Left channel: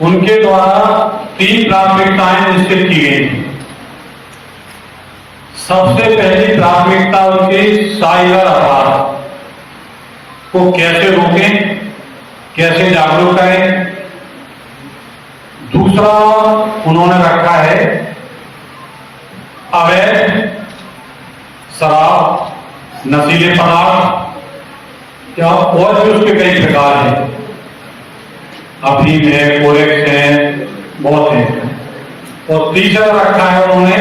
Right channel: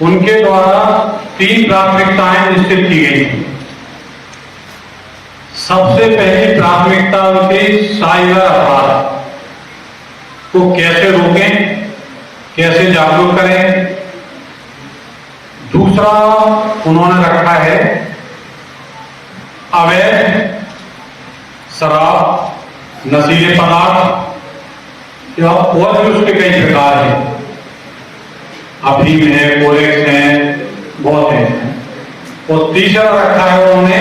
उनके द्वारा 3 प्राथमिकताएं निश्चित की गई थी। सबसे पहली प्राथमिकता उनकी साइबर अपराध को कैसे रोकें, कैसे जागरूक करें। दूसरा उन्होंने रखा है अवैध शराब, नशीले पदार्थ या और भी उसके कई प्रकार हैं, अफीम है, कोरेक्स है, बहुत है। और तीसरा रखा है उन्होंने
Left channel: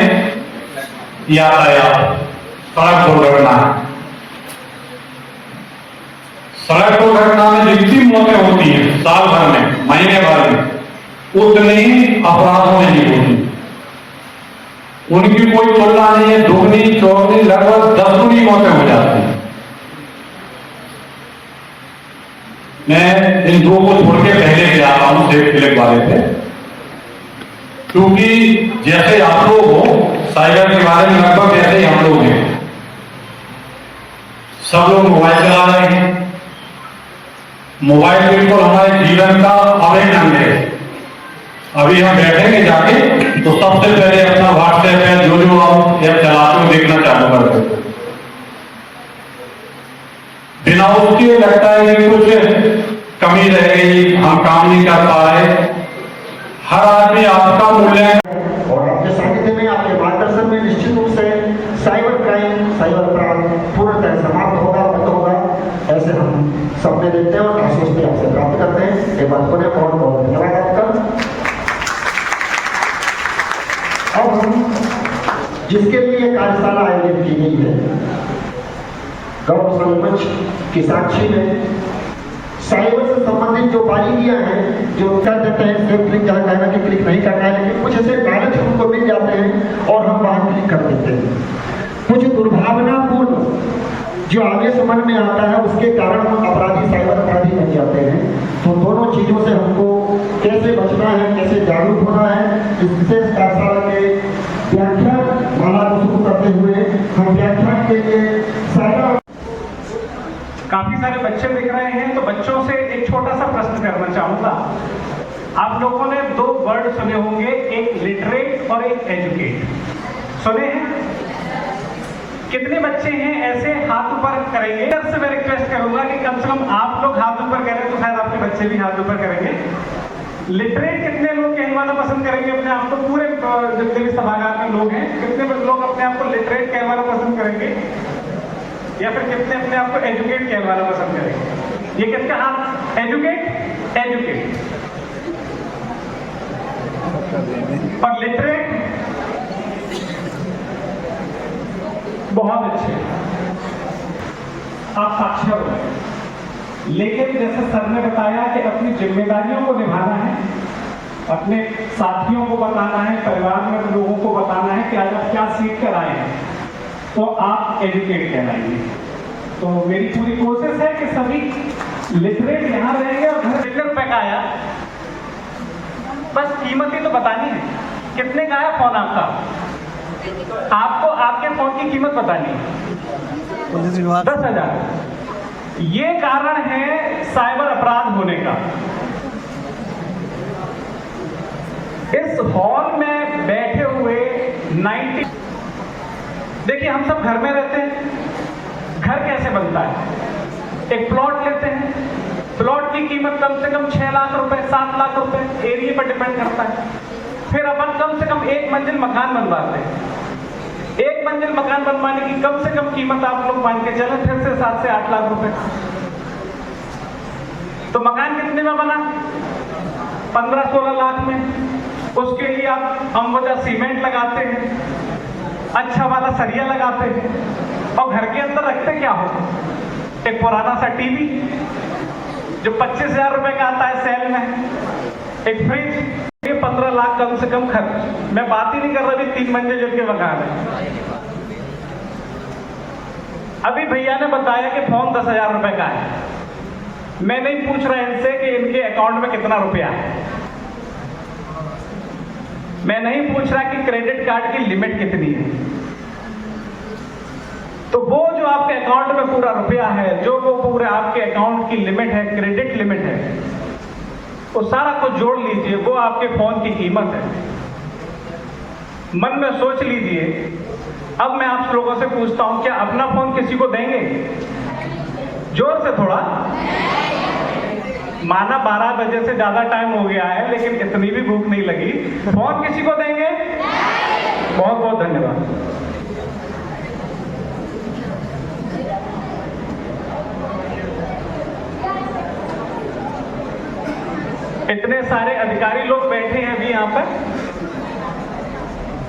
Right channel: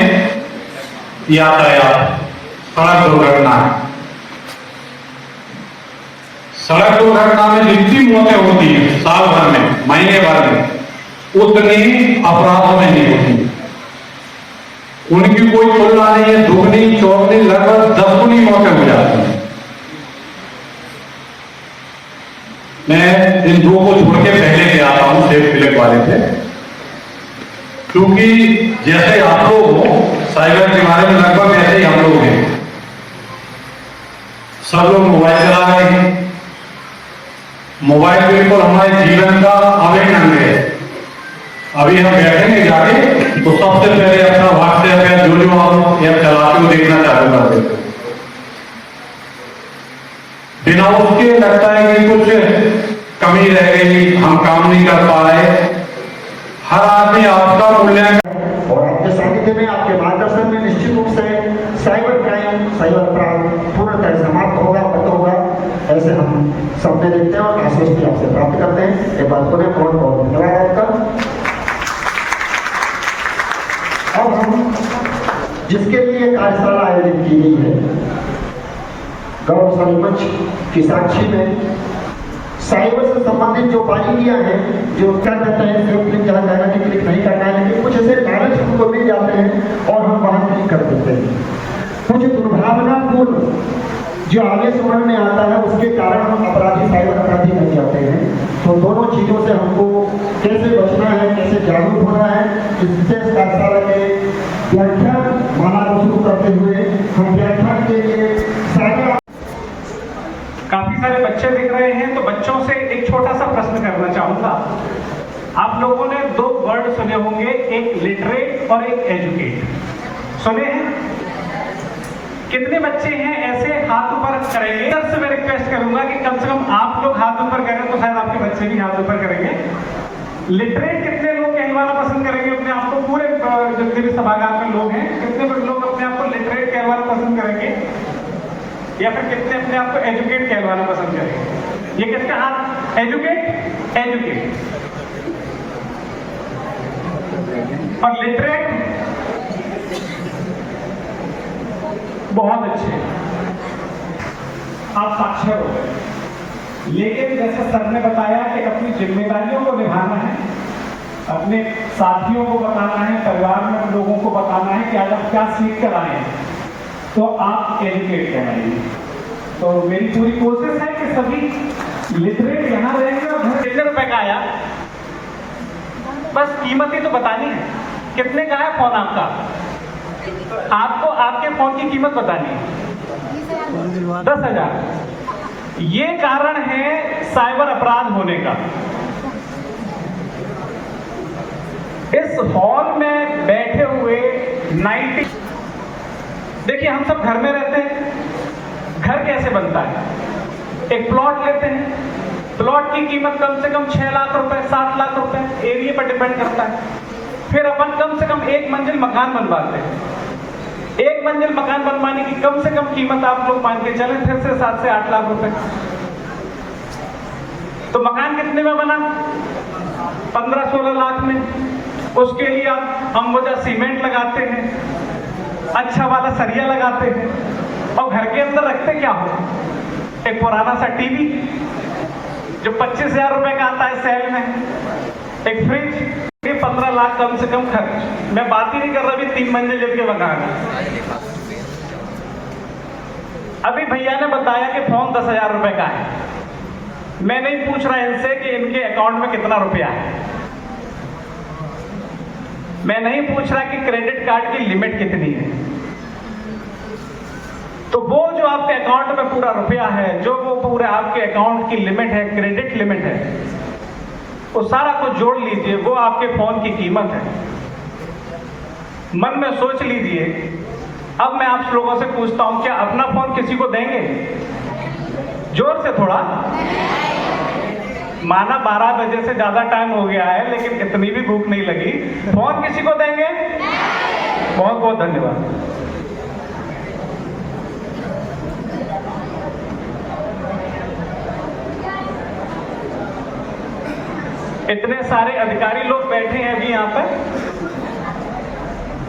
यातायात, सड़क दुर्घटना। सड़क दुर्घटना में जितनी मौतें होती हैं साल भर में, महीने भर में, उतनी अपराधों में नहीं होती। उनकी कोई तुलना नहीं है, दुगनी चौगनी लगभग 10 गुनी मौतें हो जाती हैं। मैं इन दो को छोड़ के पहले गया हूं, सेफ क्लिक वाले थे, क्योंकि जैसे आप लोग हो साइबर के बारे में लगभग वैसे ही हम लोग हैं। सब लोग मोबाइल चला रहे हैं। मोबाइल बिल्कुल हमारे जीवन का अभिन्न अंग है। अभी हम बैठेंगे जाके तो सबसे पहले अपना व्हाट्सएप या जो ऐप चलाते हो देखना चालू कर देते हो। बिना उसके लगता है कि कुछ कमी रह गई, हम काम नहीं कर पा रहे। हर आदमी आपका मूल्यांकन और आपके सानिध्य में, आपके मार्गदर्शन में निश्चित रूप से साइबर क्राइम, साइबर अपराध पूर्णतः समाप्त होगा, बंद होगा, ऐसे हम सपने देखते हैं और आश्वस्ति आपसे प्राप्त करते हैं। एक बात बोले, बहुत बहुत धन्यवाद आपका। अब हम जिसके लिए कार्यशाला आयोजित की गई है, गौरवशाली मंच की साक्षी में साइबर से संबंधित जो बारीकियां हैं, जो क्या कहते हैं सेफ क्लिक जहाँ करना है, क्लिक नहीं करना है, लेकिन कुछ ऐसे लालच हमको मिल जाते हैं और हम वहां क्लिक कर देते हैं। कुछ दुर्भावनापूर्ण जो आगे समझ में आता है, उसके कारण हम अपराधी, साइबर अपराधी बन जाते हैं। तो दोनों चीजों से हमको कैसे बचना है, कैसे जागरूक होना है, इससे कार्यशाला के व्याख्यान माला को शुरू करते हुए हम व्याख्यान के लिए सारा काफी सारे बच्चे दिख रहे हैं, तो बच्चों से एक छोटा सा प्रश्न करना चाहूंगा। आप लोगों ने 2 वर्ड सुने होंगे, एक लिटरेट और एक एजुकेट। सुने हैं? कितने बच्चे हैं ऐसे? हाथ ऊपर करेंगे। से मैं रिक्वेस्ट करूंगा कि कम से कम आप लोग हाथ ऊपर करें तो शायद आपके बच्चे भी हाथ ऊपर करेंगे। लिटरेट कितने लोग कहलवाना पसंद करेंगे अपने आप को? पूरे जितने भी सभागार में लोग हैं, कितने लोग अपने आप को लिटरेट कहलवाना पसंद करेंगे, या फिर कितने अपने आप को एजुकेट कहलवाना पसंद करेंगे? ये किसका हाथ? एजुकेट, एजुकेट और लिटरेट। बहुत अच्छे, आप साक्षर हो गए। लेकिन जैसे सर ने बताया कि अपनी जिम्मेदारियों को निभाना है, अपने साथियों को बताना है, परिवार में लोगों को बताना है कि आज आप क्या सीख कर आए हैं, तो आप एजुकेट कहलाएंगे। तो मेरी पूरी कोशिश है कि सभी लिटरेट यहाँ रहेंगे। और घर कितने रुपए का आया, बस कीमत ही तो बतानी है। कितने का है फोन आपका? आपको आपके फोन की कीमत बतानी है 10,000। ये कारण है साइबर अपराध होने का। इस हॉल में बैठे हुए 90, देखिए हम सब घर में रहते हैं। घर कैसे बनता है? एक प्लॉट लेते हैं, प्लॉट की कीमत कम से कम 6 लाख रुपए, 7 लाख रुपए, एरिया पर डिपेंड करता है। फिर अपन कम से कम 1 मंजिल मकान बनवाते हैं। 1 मंजिल मकान बनवाने की कम से कम कीमत आप लोग मान के चले फिर से 7 से 8 लाख रुपए। तो मकान कितने में बना? 15-16 लाख में। उसके लिए आप अम्बुजा सीमेंट लगाते हैं, अच्छा वाला सरिया लगाते हैं, और घर के अंदर रखते क्या हो? एक पुराना सा टीवी जो 25,000 रुपए का आता है सेल में, एक फ्रिज, 15 लाख कम से कम खर्च। मैं बात ही नहीं कर रहा अभी 3 मंजिल के मकान है। अभी भैया ने बताया कि फोन 10,000 रुपए का है। मैं नहीं पूछ रहा इनसे कि इनके अकाउंट में कितना रुपया है, मैं नहीं पूछ रहा कि क्रेडिट कार्ड की लिमिट कितनी है। तो वो जो आपके अकाउंट में पूरा रुपया है, जो वो पूरे आपके अकाउंट की लिमिट है, क्रेडिट लिमिट है, उस सारा को जोड़ लीजिए, वो आपके फोन की कीमत है। मन में सोच लीजिए। अब मैं आप लोगों से पूछता हूं, क्या अपना फोन किसी को देंगे? जोर से थोड़ा। माना 12 बजे से ज्यादा टाइम हो गया है, लेकिन इतनी भी भूख नहीं लगी। फोन किसी को देंगे? बहुत बहुत धन्यवाद। इतने सारे अधिकारी लोग बैठे हैं अभी यहाँ पर,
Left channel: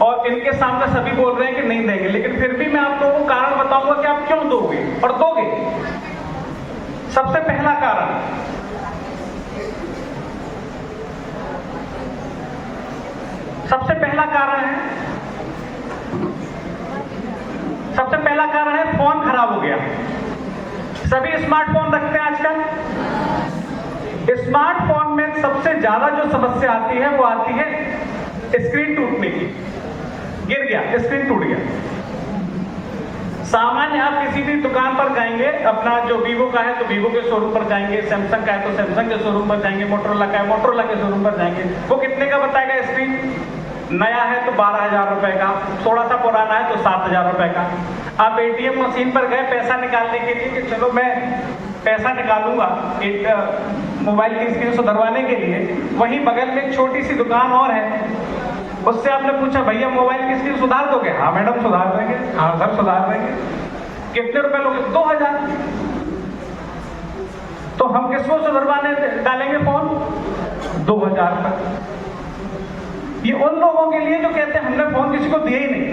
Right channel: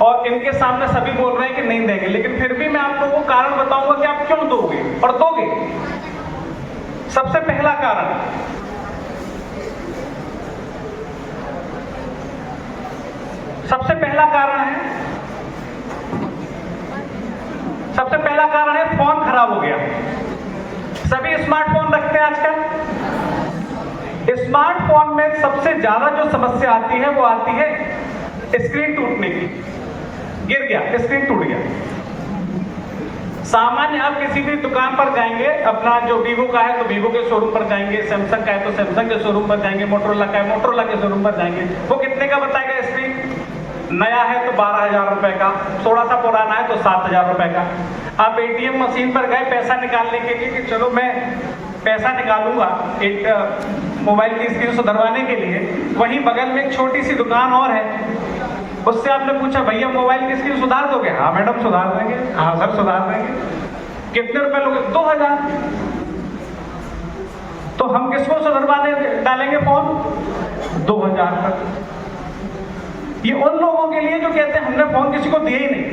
और इनके सामने सभी बोल रहे हैं कि नहीं देंगे, लेकिन फिर भी मैं आपको वो कारण बताऊंगा कि आप क्यों दोगे और दोगे। सबसे पहला कारण, सबसे पहला कारण है फोन खराब हो गया। सभी स्मार्टफोन रखते हैं आजकल। स्मार्टफोन में सबसे ज्यादा जो समस्या आती है वो आती है स्क्रीन टूटने की। गिर गया, स्क्रीन टूट गया। सामान्य आप किसी भी दुकान पर जाएंगे, अपना जो वीवो का है तो वीवो के शोरूम पर जाएंगे, सैमसंग का है तो सैमसंग के शोरूम पर जाएंगे, मोटरोला का है मोटरोला के शोरूम पर जाएंगे। वो कितने का बताएगा स्क्रीन? नया है तो 12,000 रुपए का, थोड़ा सा पुराना है तो 7,000 रुपए का। आप एटीएम मशीन पर गए पैसा निकालने के लिए कि चलो मैं पैसा निकालूंगा एक मोबाइल की स्क्रीन सुधरवाने के लिए, वहीं बगल में एक छोटी सी दुकान और है, उससे आपने पूछा भैया मोबाइल की स्क्रीन सुधार दोगे? हाँ मैडम सुधार देंगे। हाँ सर सुधार देंगे। कितने रुपए लोगे? 2,000। तो हम किसको सुधरवाने डालेंगे फोन? 2,000 का। ये उन लोगों के लिए जो कहते हैं हमने फोन किसी को दिए ही नहीं,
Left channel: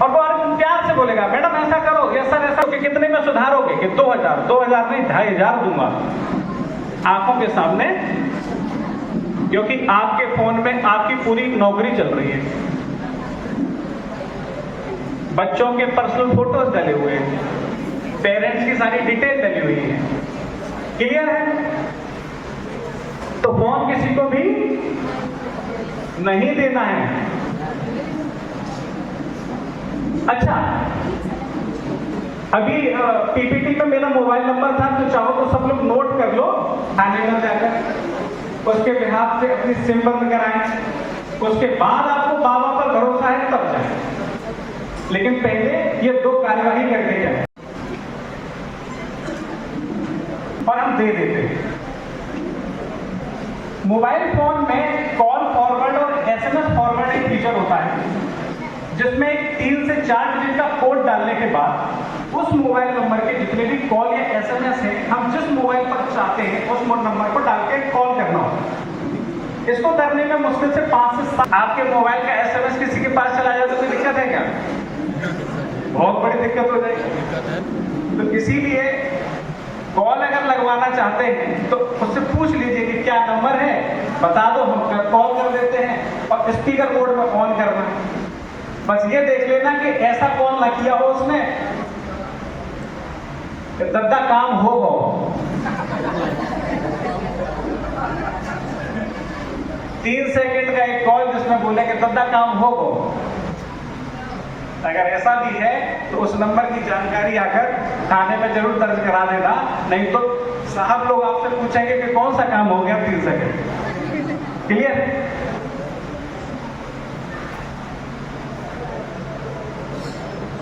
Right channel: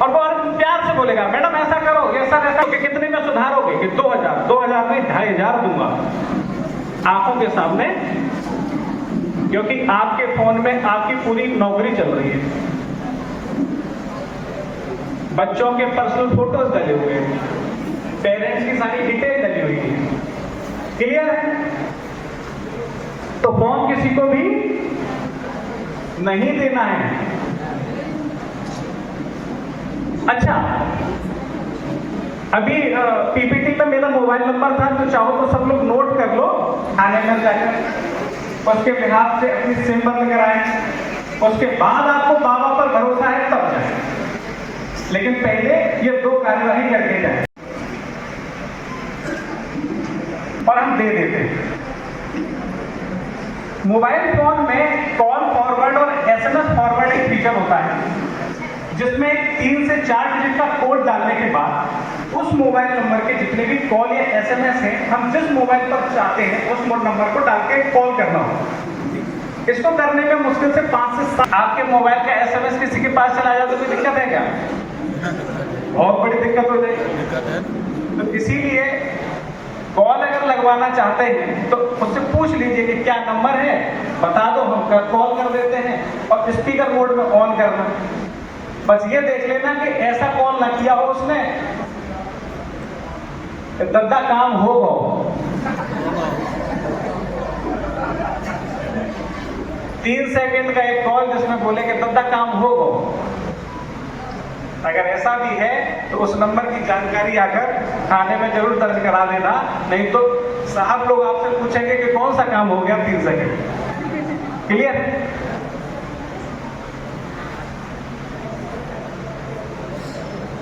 और वो प्यार से बोलेगा मैडम ऐसा करो, ऐसा ऐसा, कि कितने में सुधारोगे? कि 2,000। 2,000 नहीं 2,500 दूंगा आंखों के सामने, क्योंकि आपके फोन में आपकी पूरी नौकरी चल रही है। बच्चों के पर्सनल फोटोज डले हुए हैं, पेरेंट्स की सारी डिटेल डली हुई है। क्लियर है? तो फोन किसी को भी नहीं देना है। अच्छा, अभी पीपीटी पे मेरा मोबाइल नंबर था, तो चाहो तो सब लोग नोट कर लो। थाने में जाकर उसके बिहाफ से अपनी सिम बंद कराएं, उसके बाद आपको बाबा पर भरोसा है तब जाए, लेकिन पहले ये 2 कार्यवाही करके जाए। और हम दे देते हैं। मोबाइल फोन में कॉल फॉरवर्ड और एसएमएस फॉरवर्ड एक फीचर होता है, जिसमें 3 से 4 डिजिट का कोड डालने के बाद उस मोबाइल नंबर के जितने भी कॉल या एसएमएस हैं, हम जिस मोबाइल पर चाहते हैं उस नंबर को डाल के कॉल करना होगा। इसको करने में मुश्किल से 5 से 7। आपके मोबाइल का एसएमएस किसी के पास चला जाए तो कोई दिक्कत है क्या? बहुत बड़ी दिक्कत हो जाएगी। तो इसीलिए कॉल अगर लगवाना चाहते हैं तो उससे पूछ लीजिए कि क्या नंबर है, बता दो, हम कॉल कर देते हैं, और स्पीकर मोड में ऑन करना। बस ये देख लेना कि ऐसा कॉल ना किया हो उसने, दद्दा काम हो। 3 सेकंड का एक कॉल जिसमें बोले कि दद्दा काम हो। अगर ऐसा भी है तो उस नंबर की जानकारी आकर थाने में जरूर दर्ज करा देना, नहीं तो साहब लोग आपसे पूछेंगे कि कौन सा काम हो गया 3 second. Clear?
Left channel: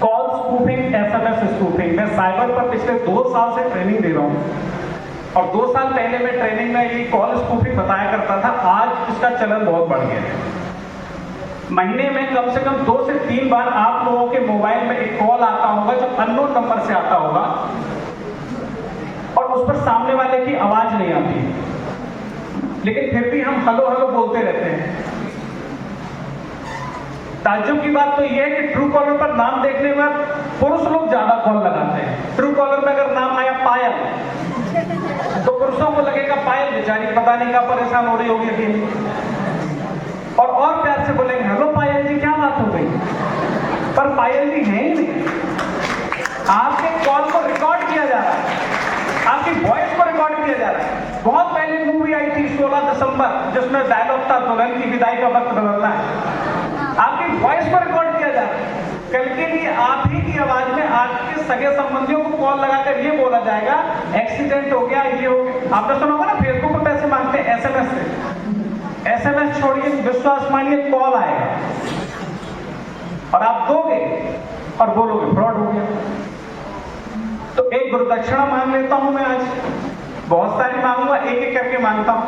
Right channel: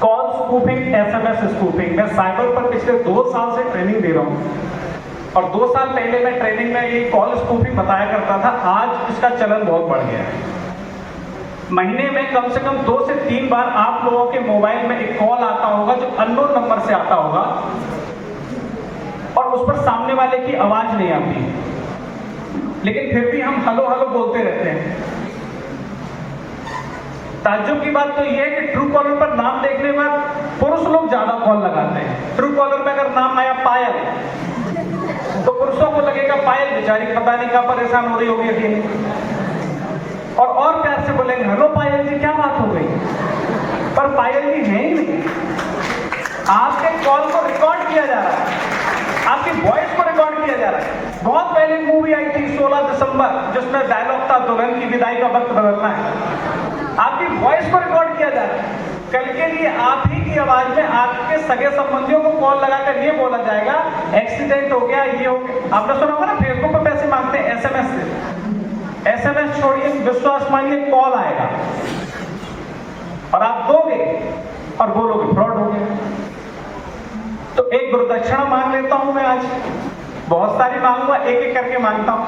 Call spoofing, SMS spoofing, मैं साइबर पर पिछले 2 साल से ट्रेनिंग दे रहा हूं, और 2 साल पहले मैं ट्रेनिंग में ये कॉल स्पूफिंग बताया करता था। आज इसका चलन बहुत बढ़ गया है। महीने में कम से कम 2 से 3 बार आप लोगों के मोबाइल में एक कॉल आता होगा जो अननोन नंबर से आता होगा, और उस पर सामने वाले की आवाज नहीं आती, लेकिन फिर भी हम हेलो हेलो बोलते रहते हैं। ताज्जुब की बात तो यह है कि ट्रू कॉलर पर नाम देखने के बाद पुरुष लोग ज्यादा कॉल लगाते हैं। ट्रू कॉलर पर अगर नाम आया पायल, तो पुरुषों को लगेगा पायल बेचारी पता नहीं क्या परेशान हो रही होगी अभी, और प्यार से बोलेंगे हेलो पायल जी क्या बात हो गई, पर पायल जी है ही नहीं। आपके कॉल को रिकॉर्ड किया जा रहा है, आपकी वॉइस को रिकॉर्ड किया जा रहा है। बहुत पहले मूवी आई थी 16 दिसंबर, जिसमें डायलॉग था दुल्हन की विदाई का वक्त बदलना है। आपकी वॉइस को रिकॉर्ड किया जा रहा है। कल के लिए आप ही की आवाज में आपके सगे संबंधियों को कॉल लगाकर ये बोला जाएगा एक्सीडेंट हो गया, ये हो गया। आपने सुना होगा ना फेसबुक पर SMS छोड़िए, विश्वास मानिए कॉल आएगा और आप दोगे और बोलोगे फ्रॉड हो गया। तो एक गुरुदक्षिणा मांग लेता हूं मैं आज, बहुत सारी मांगूंगा, एक एक करके मांगता हूं।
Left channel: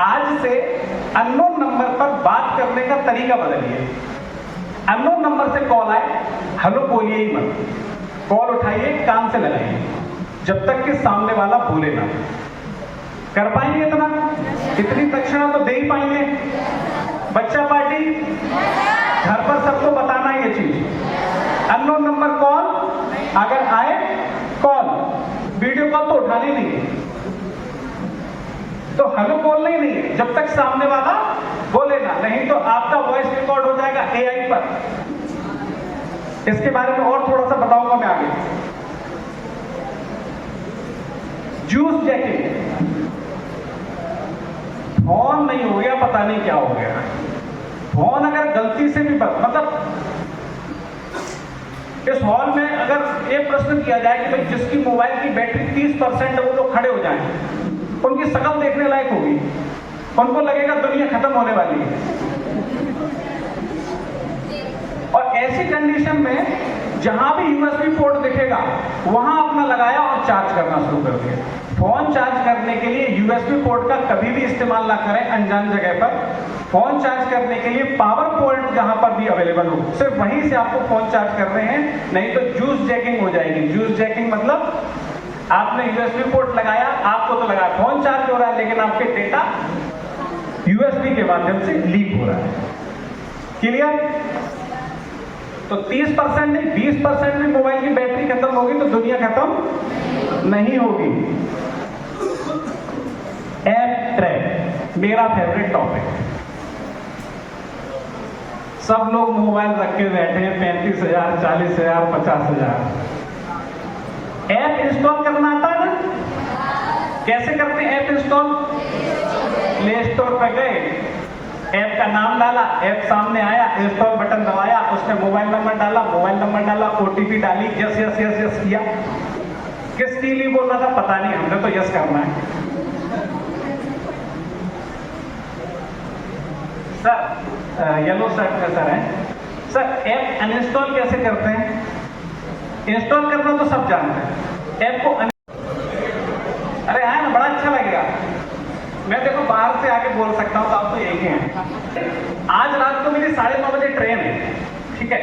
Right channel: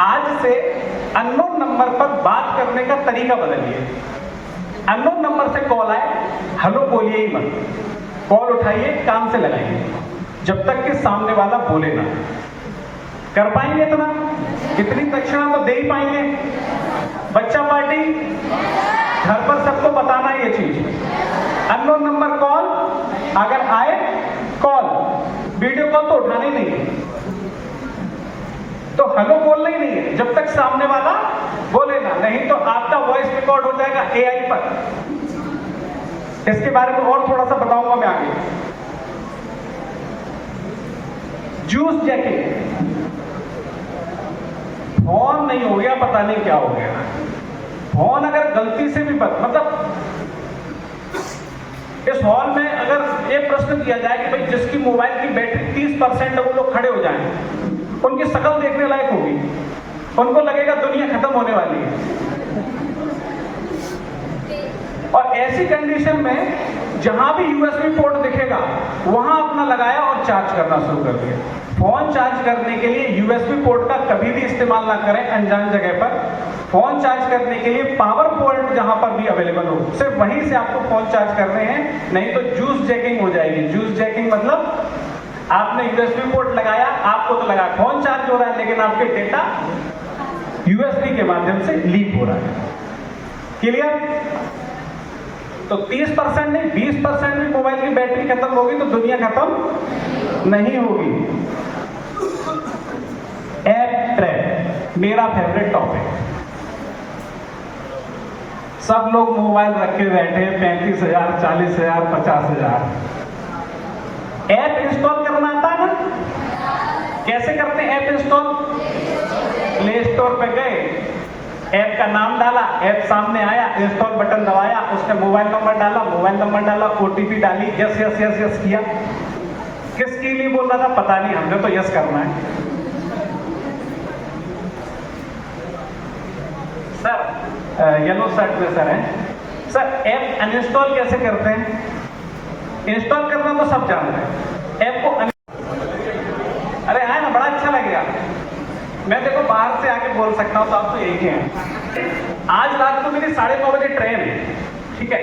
आज से अननोन नंबर पर बात करने का तरीका बदलिए। अननोन नंबर से कॉल आए, हेलो बोलिए ही मत, कॉल उठाइए, कान से लगाइए, जब तक कि सामने वाला बोले ना। कर पाएंगे इतना? इतनी दक्षिणा तो दे ही पाएंगे। बच्चा पार्टी, घर पर सबको बताना ये चीज। अननोन नंबर कॉल, अगर आए कॉल, वीडियो कॉल तो उठाना ही नहीं है, तो हेलो बोलना ही नहीं है जब तक सामने वाला बोले ना, नहीं तो आपका वॉइस रिकॉर्ड हो जाएगा AI पर। इसके बारे में और थोड़ा सा बताऊंगा मैं आगे। जूस जैकिंग, फोन नहीं हो गया, पता नहीं क्या हो गया। फोन अगर गलती से भी मतलब इस हॉल में अगर ये प्रश्न किया जाए कि भाई जिसकी मोबाइल की बैटरी 30% है वो लोग खड़े हो जाएं, उनकी शक्ल देखने लायक होगी, उनको लगेगा दुनिया खत्म होने वाली है। और ऐसी कंडीशन में जहां भी USB पोर्ट दिखेगा वहां अपना लगाया और चार्ज करना शुरू कर दिया। फोन चार्ज करने के लिए USB पोर्ट का कभी भी इस्तेमाल ना करें अनजान जगह पर। फोन चार्ज करने के लिए पावर पॉइंट जहां पर भी अवेलेबल हो, सिर्फ वहीं से आपको फोन चार्ज करने हैं, नहीं तो जूस जैकिंग हो जाएगी। जूस जैकिंग मतलब आपने USB पोर्ट लगाया, आपको तो लगा फोन चार्ज हो रहा है, लेकिन आपके डेटा USB के माध्यम से लीक हो रहा है। क्लियर? तो 30% नहीं 20% में मोबाइल की बैटरी खत्म होगी तो दुनिया खत्म नहीं होगी। ऐप ट्रैप मेरा फेवरेट टॉपिक। सब लोग मोबाइल रख के बैठे हैं, 35,000, 40,000, 50,000। ऐप इंस्टॉल करना आता है ना? कैसे करते हैं ऐप इंस्टॉल? प्ले स्टोर पे गए, ऐप का नाम डाला, ऐप सामने आया, इंस्टॉल बटन दबाया, उसने मोबाइल नंबर डाला, OTP डाली, यस यस यस यस किया। किसके लिए बोल रहा था पता नहीं, हमने तो यस करना है। सर येलो शर्ट में सर है सर, ऐप अनइंस्टॉल कैसे करते हैं? इंस्टॉल करना तो सब जानते हैं, ऐप को अरे है ना, बड़ा अच्छा लगेगा। मैं देखो बाहर से आके बोल सकता हूँ, तो आप तो यही हैं। आज रात को मेरी 9:30 बजे ट्रेन है, ठीक है,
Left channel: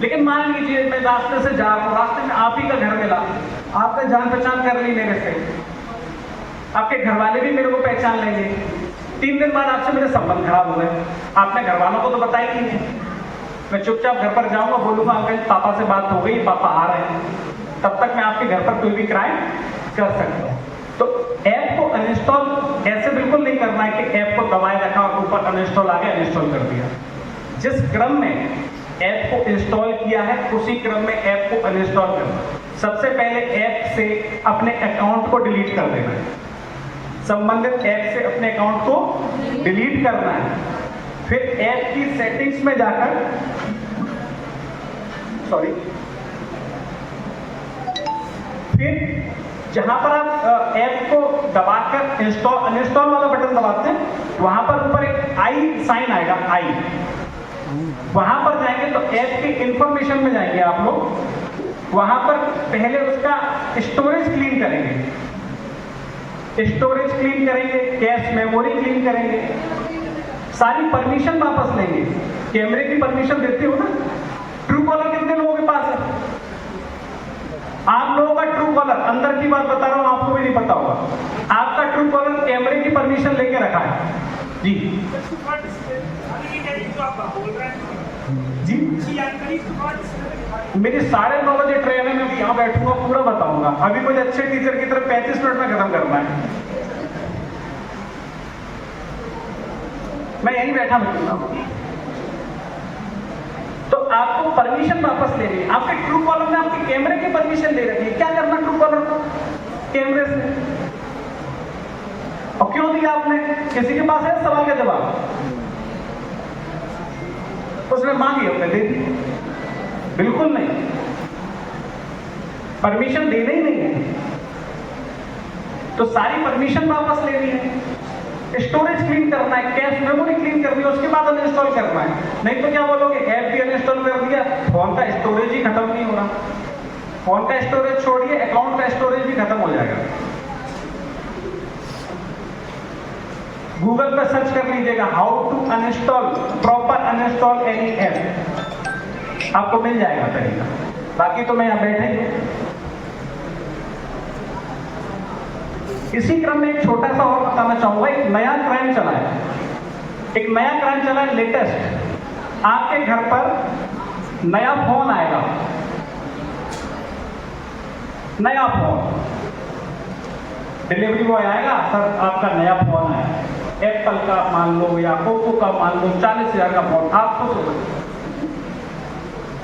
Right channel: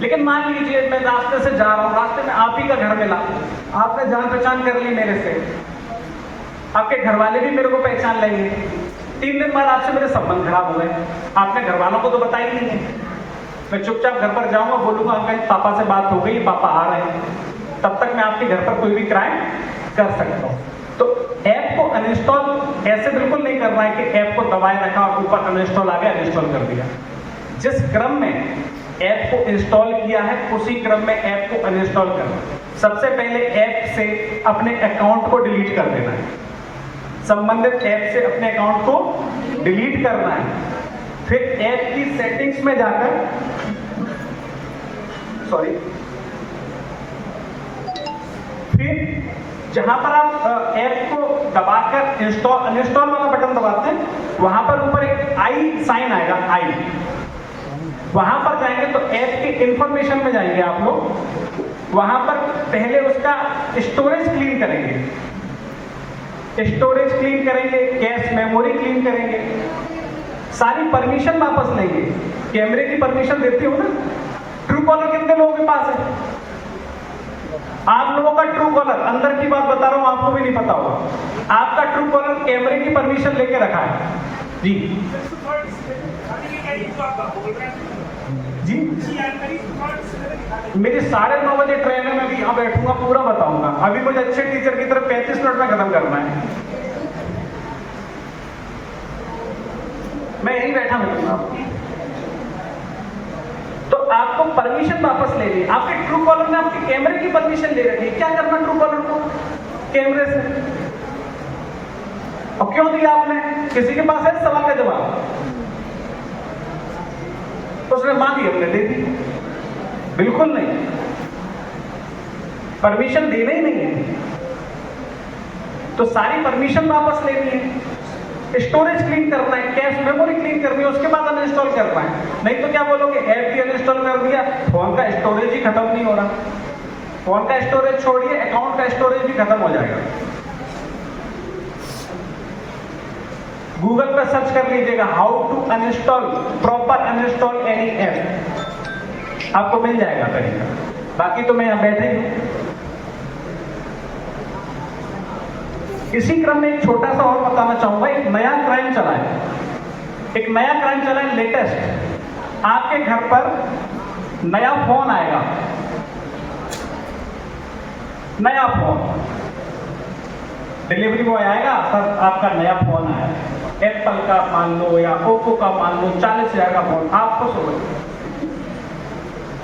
लेकिन मान लीजिए मैं रास्ते से जा रहा हूँ, रास्ते में आप ही का घर मिला, आपने जान पहचान कर ली मेरे से, आपके घर वाले भी मेरे को पहचान लेंगे, 3 दिन बाद आपसे मेरे संबंध खराब हो गए, आपने घर वालों को तो बताया ही नहीं। मैं चुपचाप घर पर जाऊंगा, बोलूंगा अंकल पापा से बात हो गई, पापा आ रहे हैं, तब तक मैं आपके घर पर कोई भी क्राइम कर सकता हूँ। तो ऐप को अनइंस्टॉल ऐसे बिल्कुल नहीं करना है कि ऐप को दबाए रखा और ऊपर अनइंस्टॉल आ गया, अनइंस्टॉल कर दिया। जिस क्रम में ऐप को इंस्टॉल किया है उसी क्रम में ऐप को अनइंस्टॉल करना। सबसे पहले ऐप से अपने अकाउंट को डिलीट कर देना है, संबंधित ऐप से अपने अकाउंट को डिलीट करना है। फिर ऐप की सेटिंग्स में जाकर फिर जहां पर आप ऐप को दबाकर इंस्टॉल अनइंस्टॉल वाला बटन दबाते हैं, वहां पर ऊपर एक आई साइन आएगा, आई, वहां पर जाएंगे तो ऐप के इंफॉर्मेशन में जाएंगे आप लोग। वहां पर पहले उसका स्टोरेज क्लीन करेंगे, स्टोरेज क्लीन करेंगे, कैश मेमोरी क्लीन करेंगे, सारी परमिशन वापस लेंगे। कैमरे की परमिशन देते हो ना? ट्रू कॉलर कितने लोगों के पास है? आप लोगों का ट्रू कॉलर, अंदर की बात बता रहा हूं, आपको भी नहीं पता होगा, आपका ट्रू कॉलर कैमरे की परमिशन लेके रखा है जी। जी मेरी 9:30 बजे ट्रेन है, मैं भी यहाँ बैठूंगा, पूरा बताऊंगा। अभी मुझे अच्छे टीचर की तरफ 35 मिनट में खत्म करना है, मैं यहीं बैठा मिलूंगा। तो आपको परमिशन वापस लेनी है। आपके ट्रू कॉलर ने आपके कैमरे की परमिशन ले रखी है, क्या करना ट्रू कॉलर को कैमरे से? और क्यों दिया आपने? किसी के पास है सवाल का जवाब? उसने मांगी, हमने दे दी? बिल्कुल नहीं, परमिशन देना ही नहीं है। तो सारी परमिशन वापस लेनी है, स्टोरेज क्लीन करना है, कैश मेमोरी क्लीन करनी है, उसके बाद अनइंस्टॉल करना है। नहीं तो क्या बोलोगे, ऐप भी अनइंस्टॉल कर दिया, फोन का स्टोरेज ही खत्म नहीं हो रहा। फोन का स्टोरेज छोड़िए, अकाउंट का स्टोरेज भी खत्म हो जाएगा। गूगल पे सर्च कर लीजिएगा how to uninstall, proper uninstall any app, आपको मिल जाएगा कहीं। बाकी तो मैं यहां बैठे ही हूं। इसी क्रम में एक छोटा सा और बताना चाहूंगा, एक नया क्राइम चला है, एक नया क्राइम चला है लेटेस्ट। आपके घर पर नया फोन आएगा, नया फोन, डिलीवरी बॉय आएगा, सर आपका नया फोन आया, एप्पल का मान लो या ओप्पो का मान लो, 40,000 का फोन, आपको